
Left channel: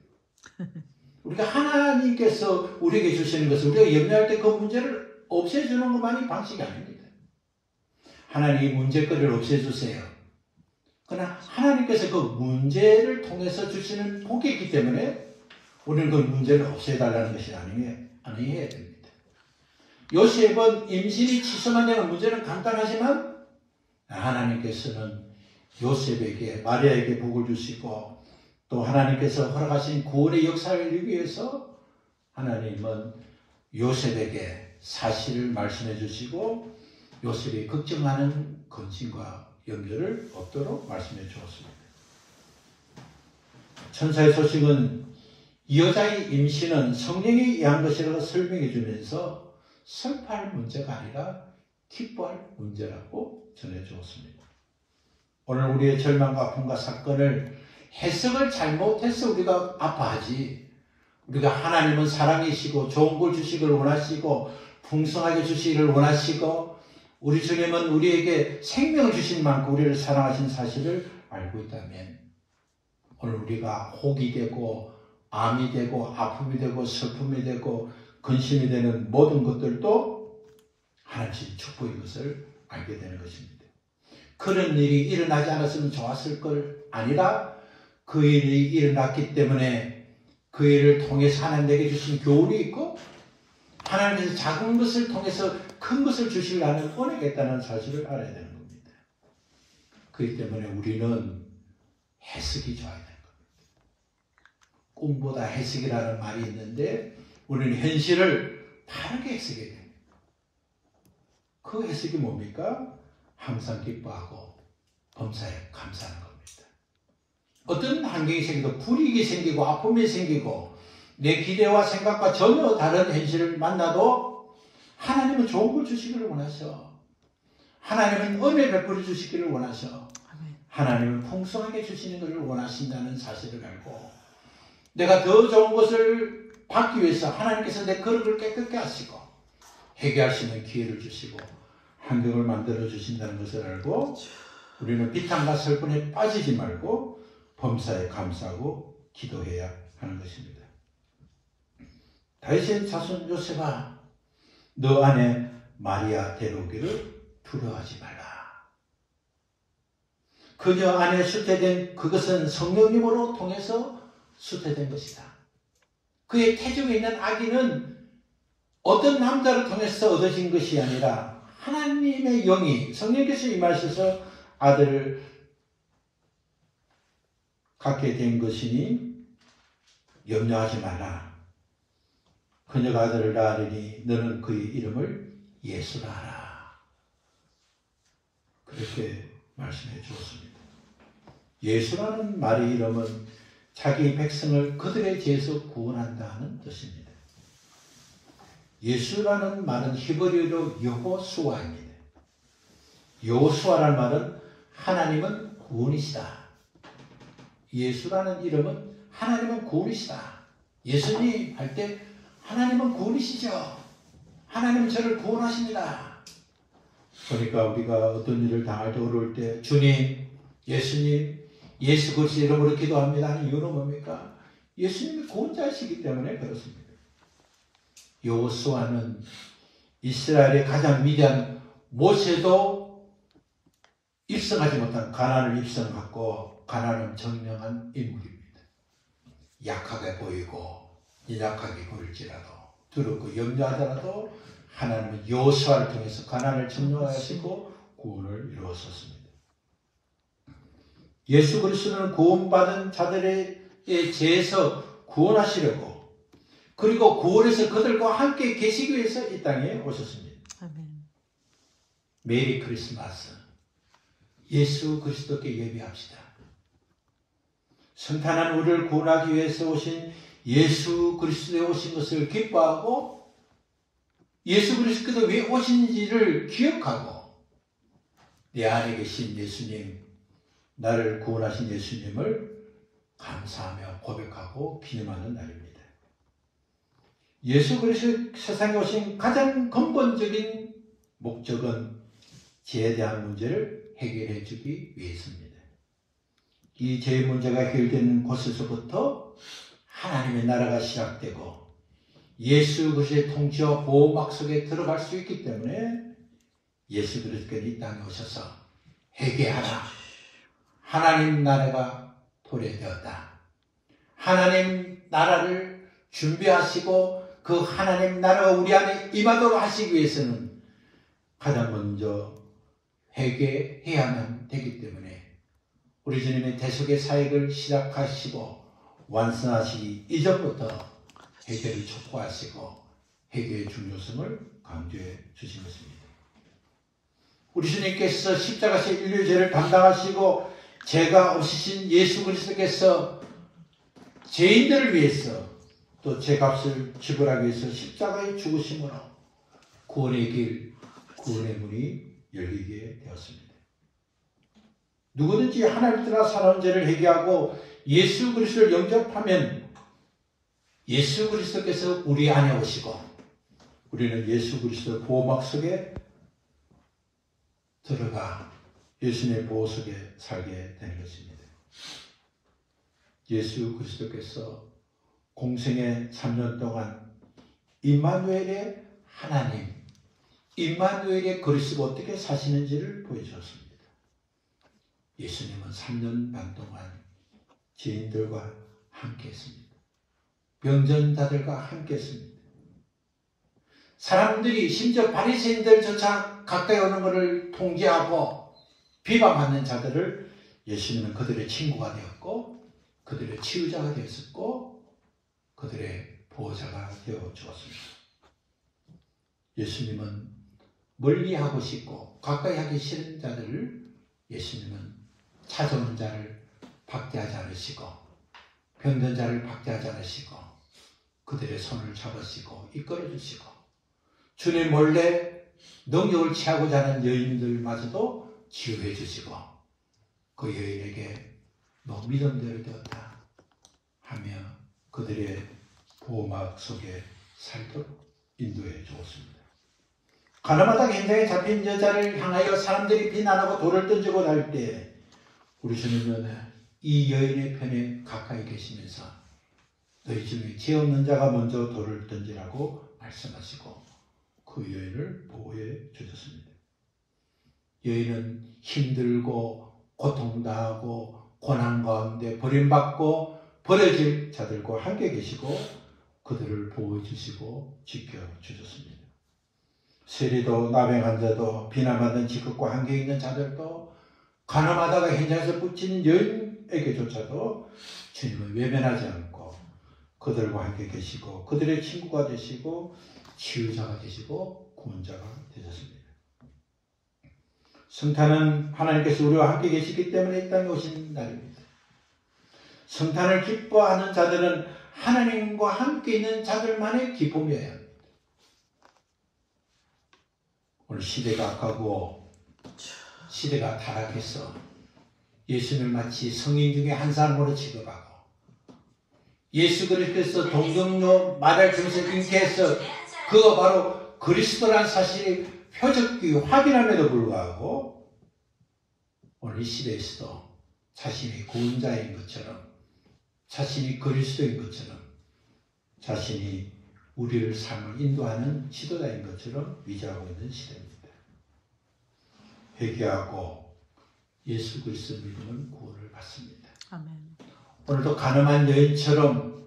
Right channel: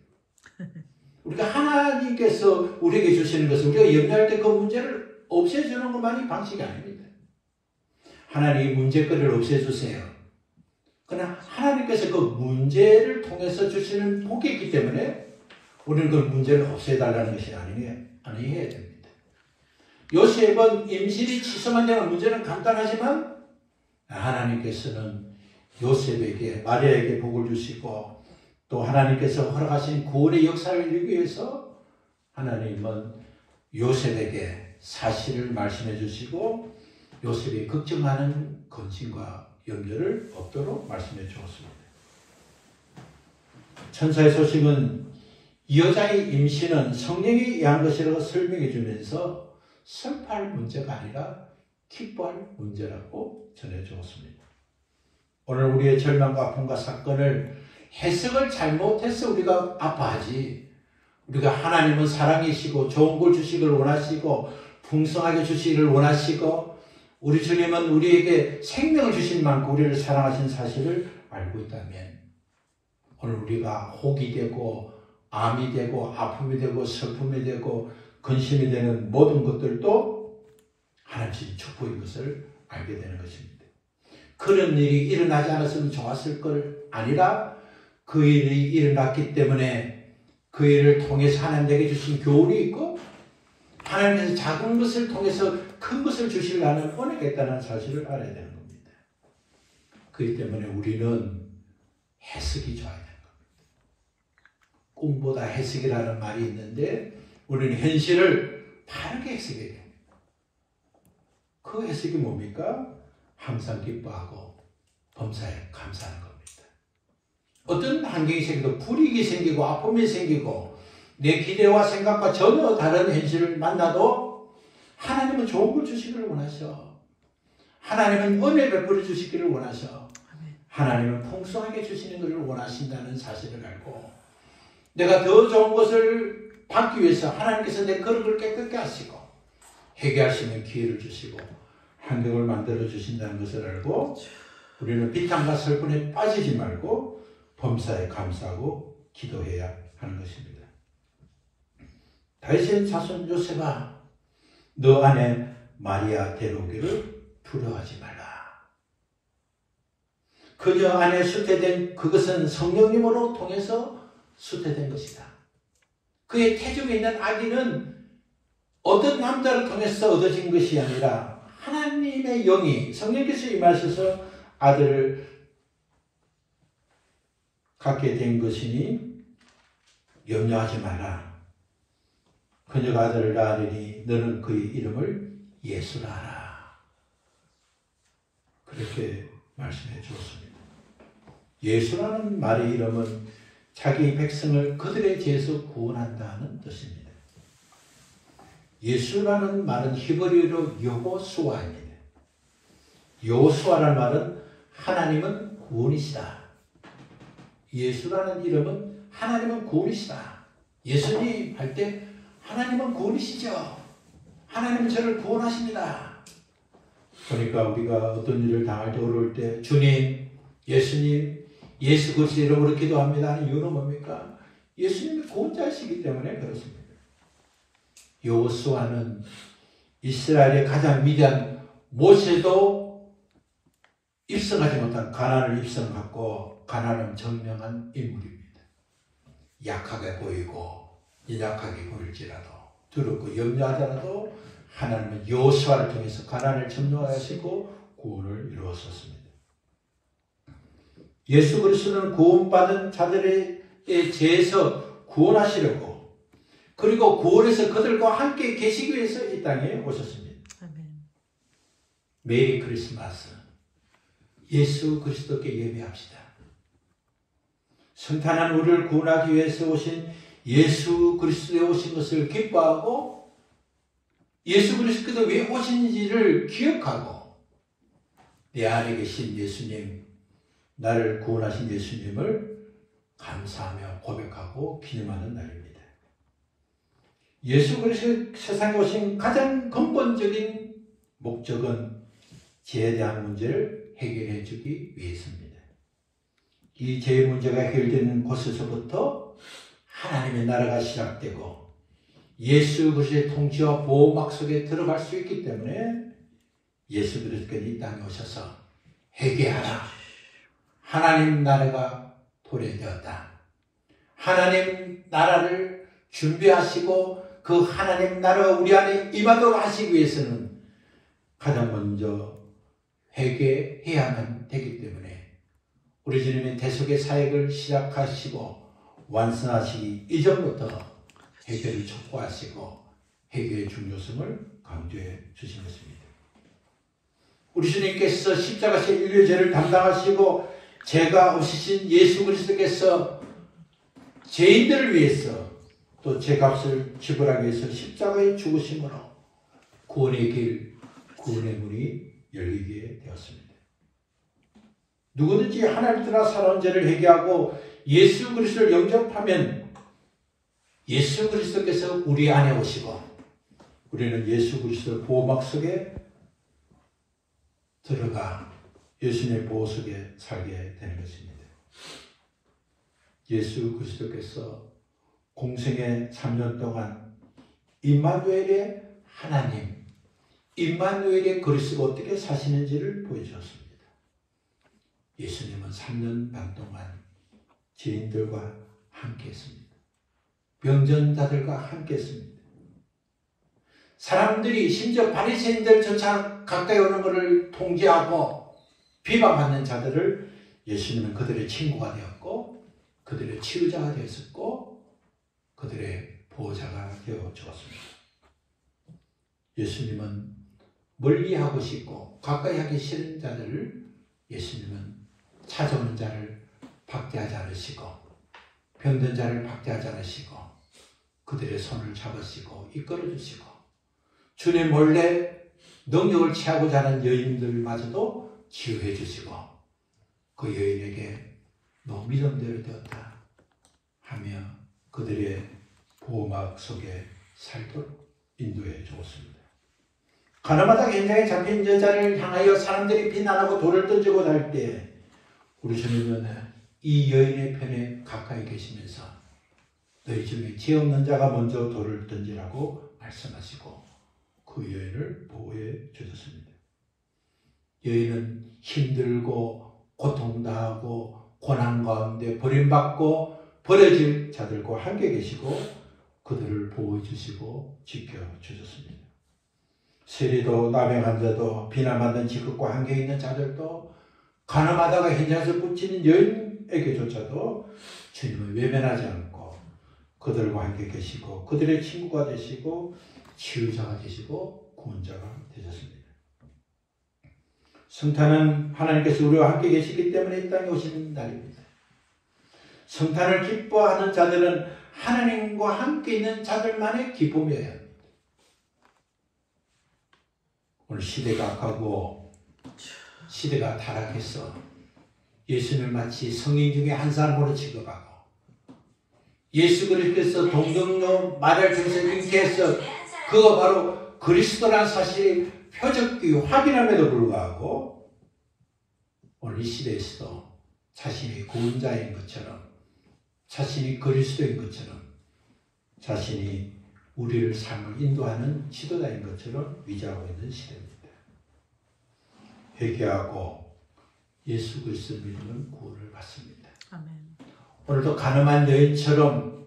우리가 하나님께서 우리에게 주시는 것은 우리가 염려할 때 그 문제를 없애주는 것만이 방식이 아닙니다. 하나님이 문제거리를 없애주세요. 그러나 하나님께서 그 문제를 통해서 주시는 복이 있기 때문에 우리는 그 문제를 없애달라는 것이 아니해야 됩니다. 요셉은 임신이 취소만 되면 문제는 간단하지만 하나님께서는 요셉에게 마리아에게 복을 주시고 또 하나님께서 허락하신 구원의 역사를 이루기 위해서 하나님은 요셉에게 사실을 말씀해 주시고 요셉이 걱정하는 근심과 염려를 없도록 말씀해 주었습니다. 천사의 소식은 이 여자의 임신은 성령에 의한 것이라고 설명해 주면서 슬퍼할 문제가 아니라 기뻐할 문제라고 전해 주었습니다. 오늘 우리의 절망과 아픔과 사건을 해석을 잘못해서 우리가 아파하지. 우리가 하나님은 사랑이시고 좋은 걸 주시기를 원하시고 풍성하게 주시기를 원하시고 우리 주님은 우리에게 생명을 주신 만큼 우리를 사랑하신 사실을 알고 있다면 오늘 우리가 혹이 되고 암이 되고 아픔이 되고 슬픔이 되고 근심이 되는 모든 것들도 하나님의 축복인 것을 알게 되는 것입니다. 그런 일이 일어나지 않았으면 좋았을 걸 아니라 그 일이 일어났기 때문에 그 일을 통해서 하나님에게 주신 교훈이 있고 하나님께서 작은 것을 통해서 큰 것을 주시려는 은혜가 있다는 사실을 알아야 되는 겁니다. 그렇기 때문에 우리는 해석이 좋아야 되는 겁니다. 꿈보다 해석이라는 말이 있는데 우리는 현실을 바르게 해석해야 됩니다. 그 해석이 뭡니까? 항상 기뻐하고 범사에 감사하는 겁니다. 어떤 환경이 생기고 불이익이 생기고 아픔이 생기고 내 기대와 생각과 전혀 다른 현실을 만나도 하나님은 좋은 걸 주시기를 원하셔. 하나님은 은혜 베풀어 주시기를 원하셔. 하나님은 풍성하게 주시는 것을 원하신다는 사실을 알고 내가 더 좋은 것을 받기 위해서 하나님께서 내 그릇을 깨끗게 하시고 회개할 수 있는 기회를 주시고 환경을 만들어 주신다는 것을 알고 우리는 비탄과 슬픔에 빠지지 말고 범사에 감사하고 기도해야 하는 것입니다. 다윗의 자손 요셉아 너 안에 마리아 데려오기를 두려워하지 말라. 그녀 안에 수태된 그것은 성령님으로 통해서 수태된 것이다. 그의 태중에 있는 아기는 어떤 남자를 통해서 얻어진 것이 아니라 하나님의 영이 성령께서 임하셔서 아들을 갖게 된 것이니 염려하지 말라. 그녀가 아들을 낳으리니 너는 그의 이름을 예수라 하라. 그렇게 말씀해 주었습니다. 예수라는 말의 이름은 자기 백성을 그들의 죄에서 구원한다는 뜻입니다. 예수라는 말은 히브리어로 여호수아입니다. 여호수아라는 말은 하나님은 구원이시다. 예수라는 이름은 하나님은 구원이시다. 예수님 할 때 하나님은 구원이시죠. 하나님은 저를 구원하십니다. 그러니까 우리가 어떤 일을 당할 때 어려울 때 주님, 예수님, 예수 그리스도 이름으로 기도합니다 하는 이유는 뭡니까? 예수님이 구원자이시기 때문에 그렇습니다. 여호수아는 이스라엘의 가장 위대한 모세도 입성하지 못한 가나안을 입성하고 가나안은 정명한 인물입니다. 약하게 보이고 연약하게 보일지라도 두렵고 염려하더라도 하나님은 여호수아를 통해서 가나안을 점령하시고 구원을 이루었습니다. 예수 그리스도는 구원받은 자들의 죄에서 구원하시려고 그리고 구원해서 그들과 함께 계시기 위해서 이 땅에 오셨습니다. 메리 크리스마스 예수 그리스도께 예배합시다. 성탄한 우리를 구원하기 위해서 오신 예수 그리스도에 오신 것을 기뻐하고 예수 그리스도께서 왜 오신지를 기억하고 내 안에 계신 예수님, 나를 구원하신 예수님을 감사하며 고백하고 기념하는 날입니다. 예수 그리스도 세상에 오신 가장 근본적인 목적은 죄에 대한 문제를 해결해 주기 위해서입니다. 이 죄의 문제가 해결되는 곳에서부터 하나님의 나라가 시작되고 예수 그리스도의 통치와 보호막 속에 들어갈 수 있기 때문에 예수 그리스도께서 이 땅에 오셔서 회개하라. 하나님 나라가 도래되었다. 하나님 나라를 준비하시고 그 하나님 나라가 우리 안에 임하도록 하시기 위해서는 가장 먼저 회개해야만 되기 때문에 우리 주님이 대속의 사역을 시작하시고 완성하시기 이전부터 회개를 촉구하시고 회개의 중요성을 강조해 주신 것입니다. 우리 주님께서 십자가의 인류의 죄를 담당하시고 죄가 없으신 예수 그리스도께서 죄인들을 위해서 또 죄값을 지불하기 위해서 십자가에 죽으심으로 구원의 길, 구원의 문이 열리게 되었습니다. 누구든지 하나님 따라 살아온 죄를 회개하고 예수 그리스도를 영접하면 예수 그리스도께서 우리 안에 오시고 우리는 예수 그리스도 보호막 속에 들어가 예수님의 보호 속에 살게 되는 것입니다. 예수 그리스도께서 공생의 3년 동안 임마누엘의 하나님, 임마누엘의 그리스도가 어떻게 사시는지를 보여주었습니다. 예수님은 3년 반 동안 죄인들과 함께 했습니다. 병전자들과 함께 했습니다. 사람들이 심지어 바리새인들조차 가까이 오는 것을 통제하고 비방하는 자들을 예수님은 그들의 친구가 되었고 그들의 치유자가 되었고 그들의 보호자가 되어 주었습니다. 예수님은 멀리하고 싶고 가까이 하기 싫은 자들을 예수님은 찾아오는 자를 박대하지 않으시고 병든 자를 박대하지 않으시고 그들의 손을 잡으시고 이끌어 주시고 주님 몰래 능력을 취하고자 하는 여인들마저도 치유해 주시고 그 여인에게 너 믿음대로 되었다 하며 그들의 보호막 속에 살도록 인도해 주었습니다. 가나마다 현장에 잡힌 여자를 향하여 사람들이 비난하고 돌을 던지고 할 때 우리 주님은 이 여인의 편에 가까이 계시면서 너희 중에 죄 없는 자가 먼저 돌을 던지라고 말씀하시고 그 여인을 보호해 주셨습니다. 여인은 힘들고 고통당하고 고난 가운데 버림받고 버려질 자들과 함께 계시고 그들을 보호해 주시고 지켜주셨습니다. 세리도 나병한 자도 비난받는 직급과 함께 있는 자들도 가늠하다가 현장에서 붙이는 여인에게조차도 주님을 외면하지 않고 그들과 함께 계시고 그들의 친구가 되시고 치유자가 되시고 구원자가 되셨습니다. 성탄은 하나님께서 우리와 함께 계시기 때문에 이 땅에 오신 날입니다. 성탄을 기뻐하는 자들은 하나님과 함께 있는 자들만의 기쁨이어야 합니다. 오늘 시대가 가고 시대가 타락해서 예수님을 마치 성인 중에 한 사람으로 취급하고 예수 그리스도께서 동정로 말을 통해서 인기해서 그가 바로 그리스도란 사실이 표적이 확인함에도 불구하고 오늘 이 시대에서도 자신이 구원자인 것처럼 자신이 그리스도인 것처럼 자신이 우리를 삶을 인도하는 지도자인 것처럼 위장하고 있는 시대입니다. 회개하고 예수 그리스도를 믿으면 구원을 받습니다. 아멘. 오늘도 가늠한 여인처럼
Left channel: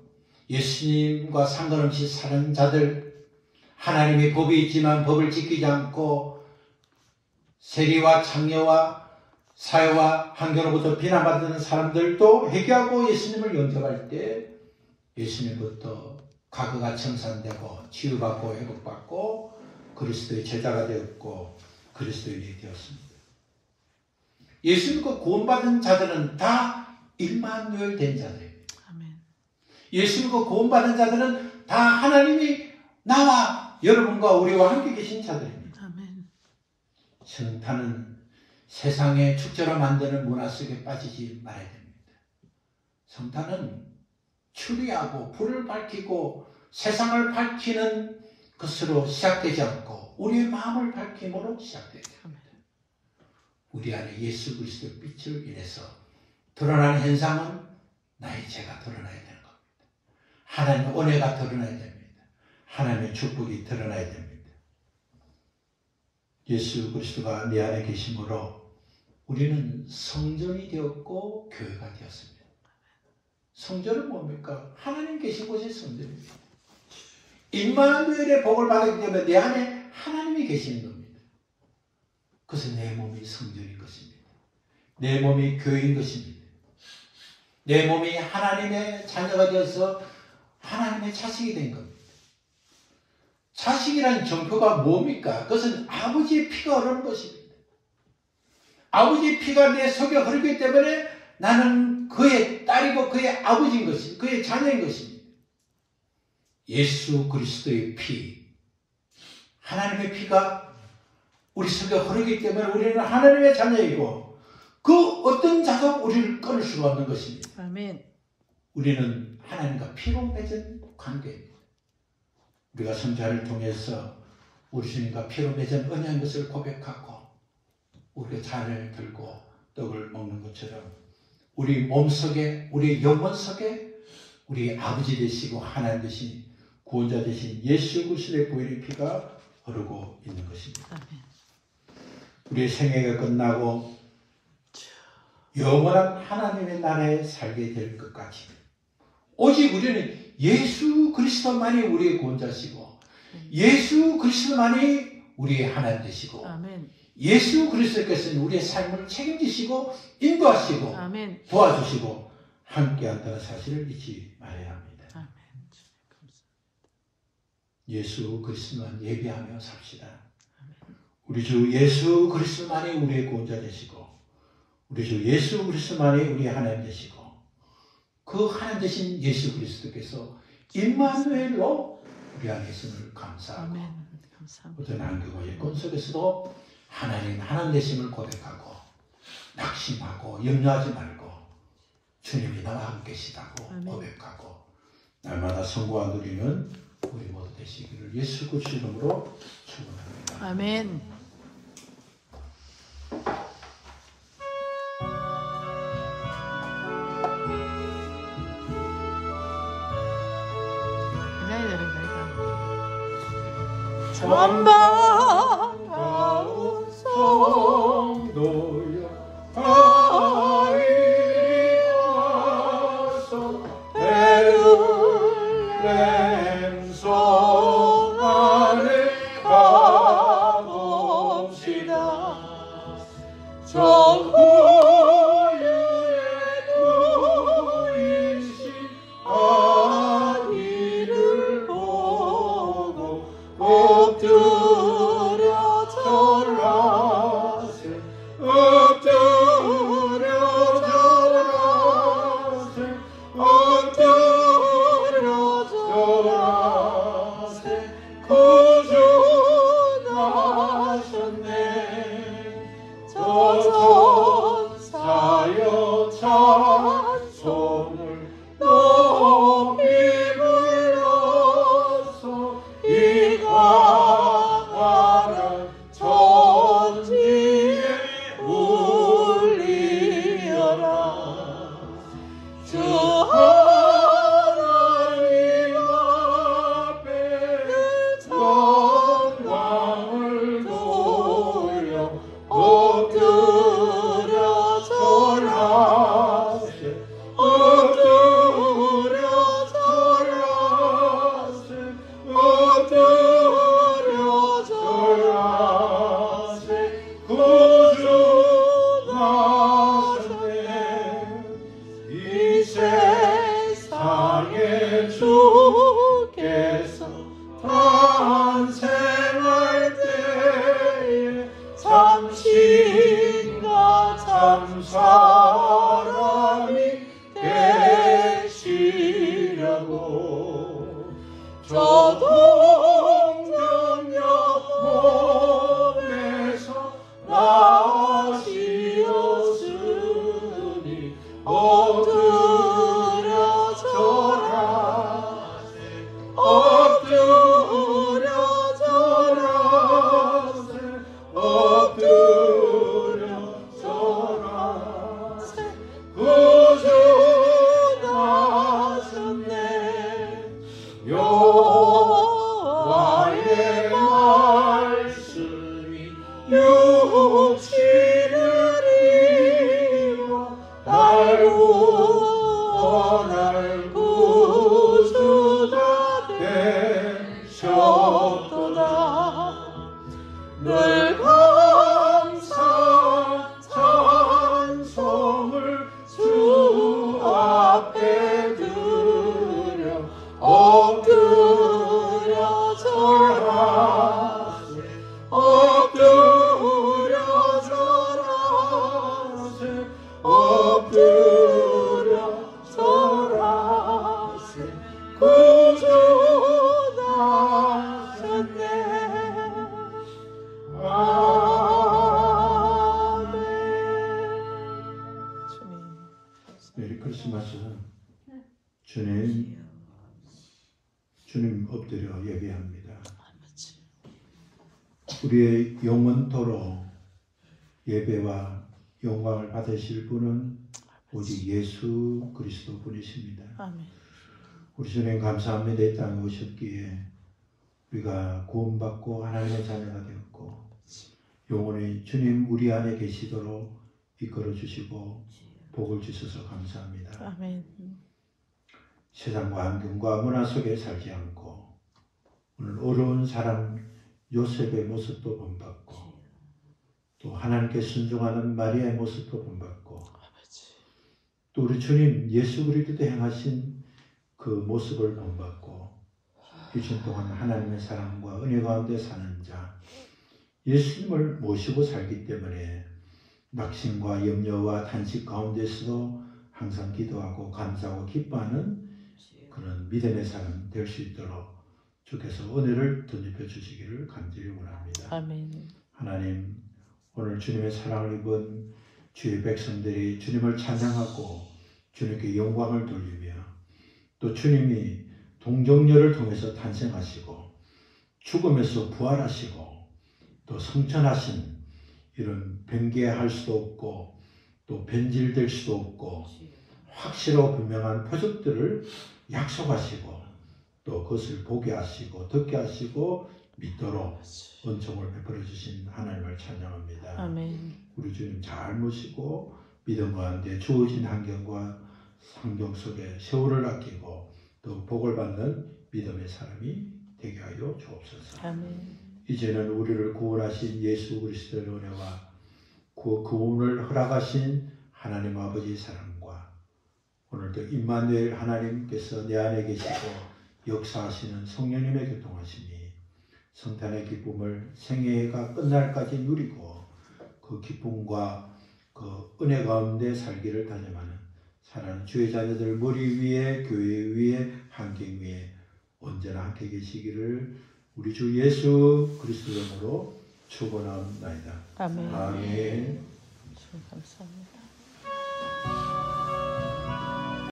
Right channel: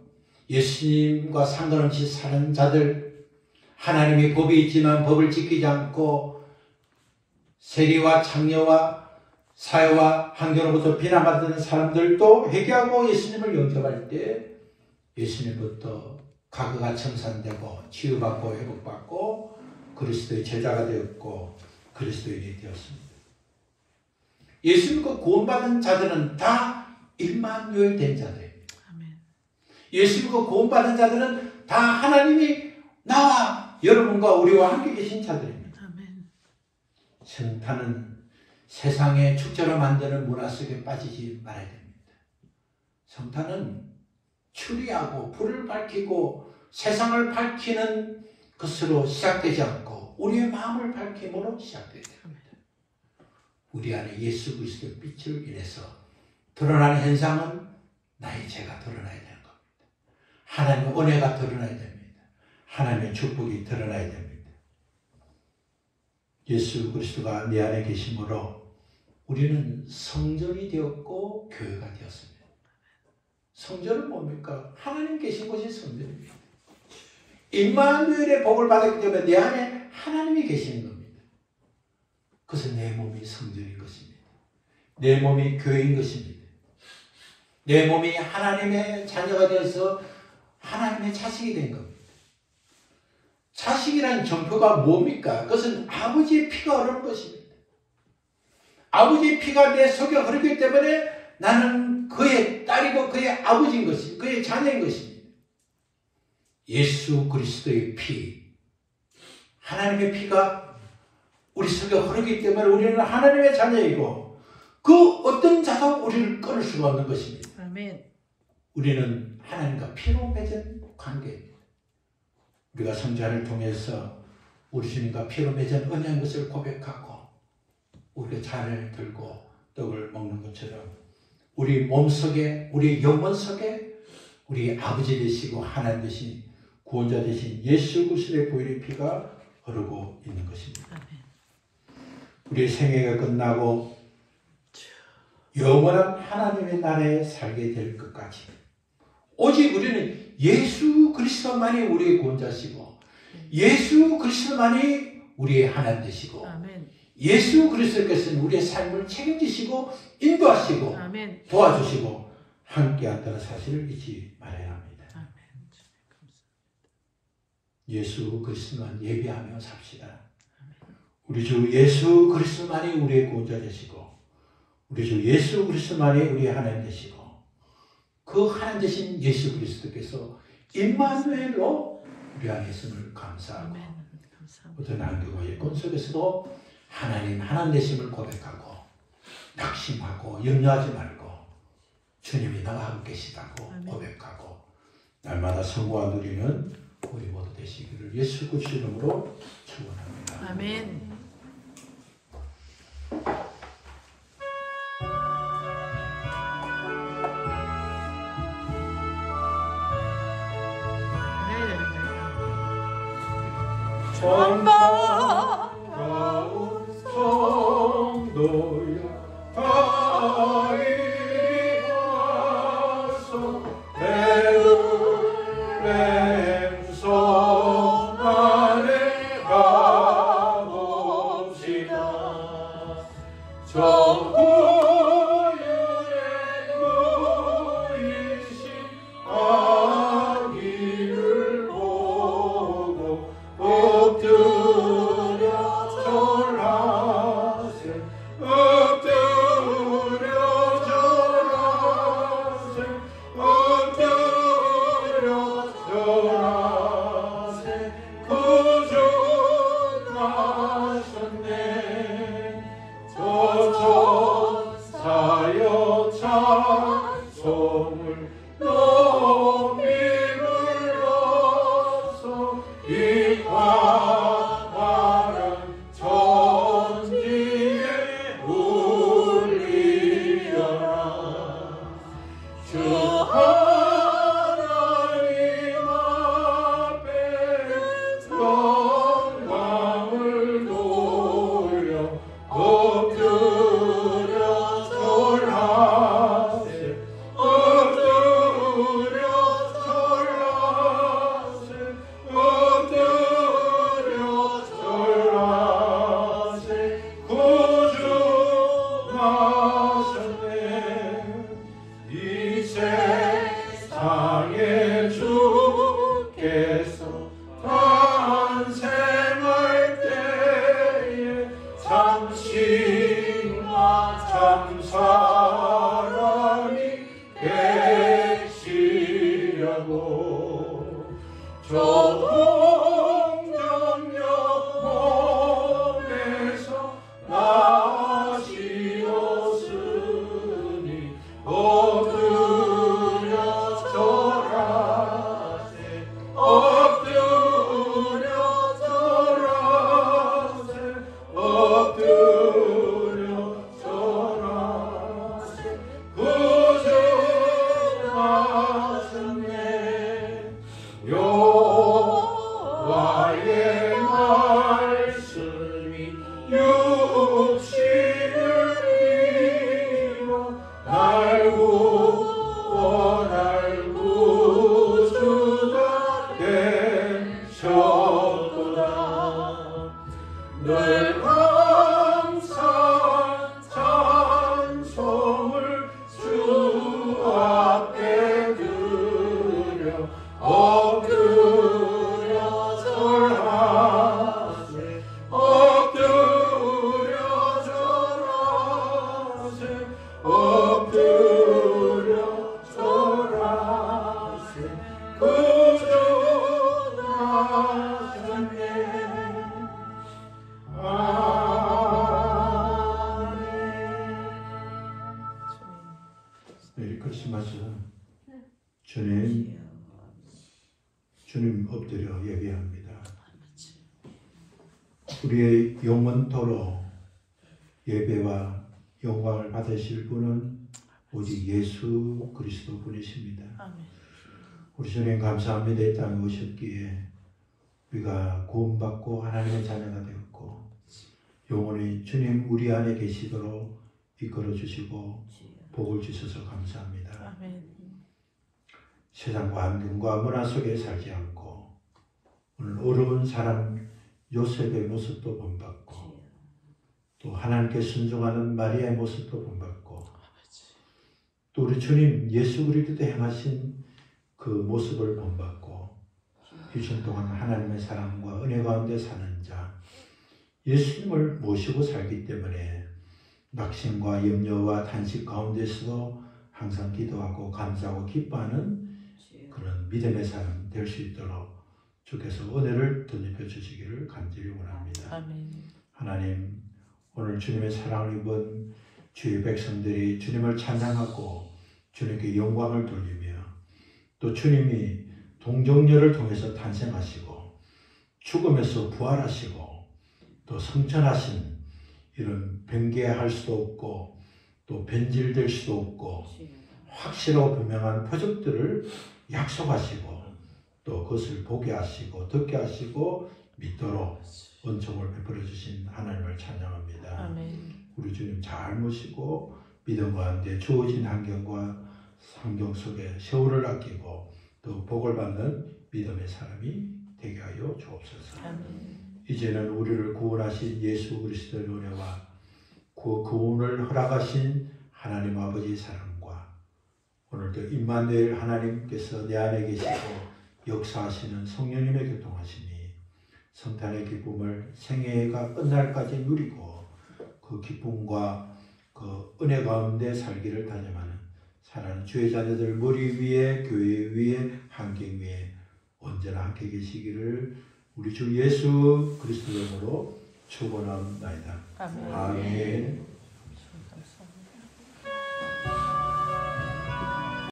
예수님과 상관없이 사는 자들, 하나님의 법이 있지만 법을 지키지 않고 세리와 창녀와 사회와 환경으로부터 비난받는 사람들도 회개하고 예수님을 영접할 때 예수님부터 과거가 청산되고 치유받고 회복받고 그리스도의 제자가 되었고 그리스도인이 되었습니다. 예수님과 구원받은 자들은 다 임마누엘 된 자들입니다. 아멘. 예수님과 구원받은 자들은 다 하나님이 나와 여러분과 우리와 함께 계신 자들입니다. 아멘. 성탄은 세상의 축제로 만드는 문화 속에 빠지지 말아야 됩니다. 성탄은 추리하고 불을 밝히고 세상을 밝히는 것으로 시작되지 않고 우리의 마음을 밝힘으로 시작되게 됩니다. 우리 안에 예수 그리스도의 빛을 인해서 드러나는 현상은 나의 죄가 드러나야 되는 겁니다. 하나님의 은혜가 드러나야 됩니다. 하나님의 축복이 드러나야 됩니다. 예수 그리스도가 내 안에 계심으로 우리는 성전이 되었고 교회가 되었습니다. 성전은 뭡니까? 하나님 계신 곳이 성전입니다. 임마누엘의 복을 받았기 때문에 내 안에 하나님이 계시는 겁니다. 그래서 내 몸이 성전인 것입니다. 내 몸이 교회인 것입니다. 내 몸이 하나님의 자녀가 되어서 하나님의 자식이 된 겁니다. 자식이라는 정표가 뭡니까? 그것은 아버지의 피가 흐르는 것입니다. 아버지의 피가 내 속에 흐르기 때문에 나는 그의 딸이고 그의 아버지인 것입니다. 그의 자녀인 것입니다. 예수 그리스도의 피, 하나님의 피가 우리 속에 흐르기 때문에 우리는 하나님의 자녀이고 그 어떤 자가 우리를 끊을 수가 없는 것입니다. 아멘. 우리는 하나님과 피로 맺은 관계입니다. 우리가 성찬을 통해서 우리 주님과 피로 맺은 언약인 것을 고백하고 우리가 잔을 들고 떡을 먹는 것처럼 우리 몸속에 우리 영혼 속에 우리 아버지 되시고 하나님 되신 구원자 되신 예수 그리스도의 보혈의 피가 흐르고 있는 것입니다. 우리의 생애가 끝나고 영원한 하나님의 나라에 살게 될 것까지 오직 우리는 예수 그리스도만이 우리의 구원자시고 예수 그리스도만이 우리의 하나님 되시고 아멘. 예수 그리스도께서는 우리의 삶을 책임지시고 인도하시고 아멘. 도와주시고 함께한다는 사실을 잊지 말아야 합니다. 아멘. 예수 그리스도만 예배하며 삽시다. 우리 주 예수 그리스도만이 우리의 구원자 되시고 우리 주 예수 그리스도만이 우리의 하나님 되시고 그 하나님 되신 예수 그리스도께서 임마누엘로 우리 안에 있음을 감사하고 어떤 안개와 여건 속에서도 하나님 되심을 고백하고 낙심하고 염려하지 말고 주님이 나와 함께 계시다고 고백하고 날마다 성공과 누리는 우리 모두 되시기를 예수 그리스도 이름으로 축원합니다. 아멘. 반가운 성도야 하이리 와서 베들레헴 안에 가봅시다. 전구유의 누이신 아기를 보고 엎드려 절하세 엎드려 절하세 엎드려 절하세 구주하셨네 저 천사여 나의 말씀이 육신을 이루어 날 구주가 되셨도다. 늘 항상 찬송을 주 앞에 드려 엎드려 절하세 엎드려 절하세 엎드려 절하세 구주 나셨네. 메리 크리스마스. 주님 엎드려 예배합니다. 우리의 영원토록 예배와 영광을 받으실 분은 오직 예수 그리스도 분이십니다. 우리 주님 감사합니다. 이 땅에 오셨기에 우리가 구원받고 하나님의 자녀가 되었고 영원히 주님 우리 안에 계시도록 이끌어 주시고 복을 주셔서 감사합니다. 아멘. 세상과 환경과 문화 속에 살지 않고 오늘 어려운 사람 요셉의 모습도 본받고 또 하나님께 순종하는 마리아의 모습도 본받고 또 우리 주님 예수 그리스도 행하신 그 모습을 본받고 유신 동안 하나님의 사랑과 은혜 가운데 사는 자 예수님을 모시고 살기 때문에 낙심과 염려와 탄식 가운데서도 항상 기도하고 감사하고 기뻐하는 그런 믿음의 삶 될 수 있도록 주께서 은혜를 덧입혀 주시기를 간절히 원합니다. 아멘. 하나님 오늘 주님의 사랑을 입은 주의 백성들이 주님을 찬양하고 주님께 영광을 돌리며 또 주님이 동정녀를 통해서 탄생하시고 죽음에서 부활하시고 또 성천하신 이런 변개할 수도 없고 또 변질될 수도 없고 확실하고 분명한 표적들을 약속하시고 또 그것을 보게 하시고 듣게 하시고 믿도록 은총을 베풀어 주신 하나님을 찬양합니다. 아멘. 우리 주님 잘 모시고 믿음 가운데 주어진 환경과 환경 속에 세월을 아끼고 또 복을 받는 믿음의 사람이 되게 하여 주옵소서. 아멘. 이제는 우리를 구원하신 예수 그리스도의 은혜와 그 구원을 허락하신 하나님 아버지 사랑과 오늘도 임마누엘 하나님께서 내 안에 계시고 역사하시는 성령님의 교통하심이 성탄의 기쁨을 생애가 끝날까지 누리고 그 기쁨과 그 은혜 가운데 살기를 다짐하는 사랑하는 주의 자녀들 머리 위에 교회 위에 환경 위에 언제나 함께 계시기를 우리 주 예수 그리스도로 축원하옵나이다. 아멘. 아멘. 감사합니다.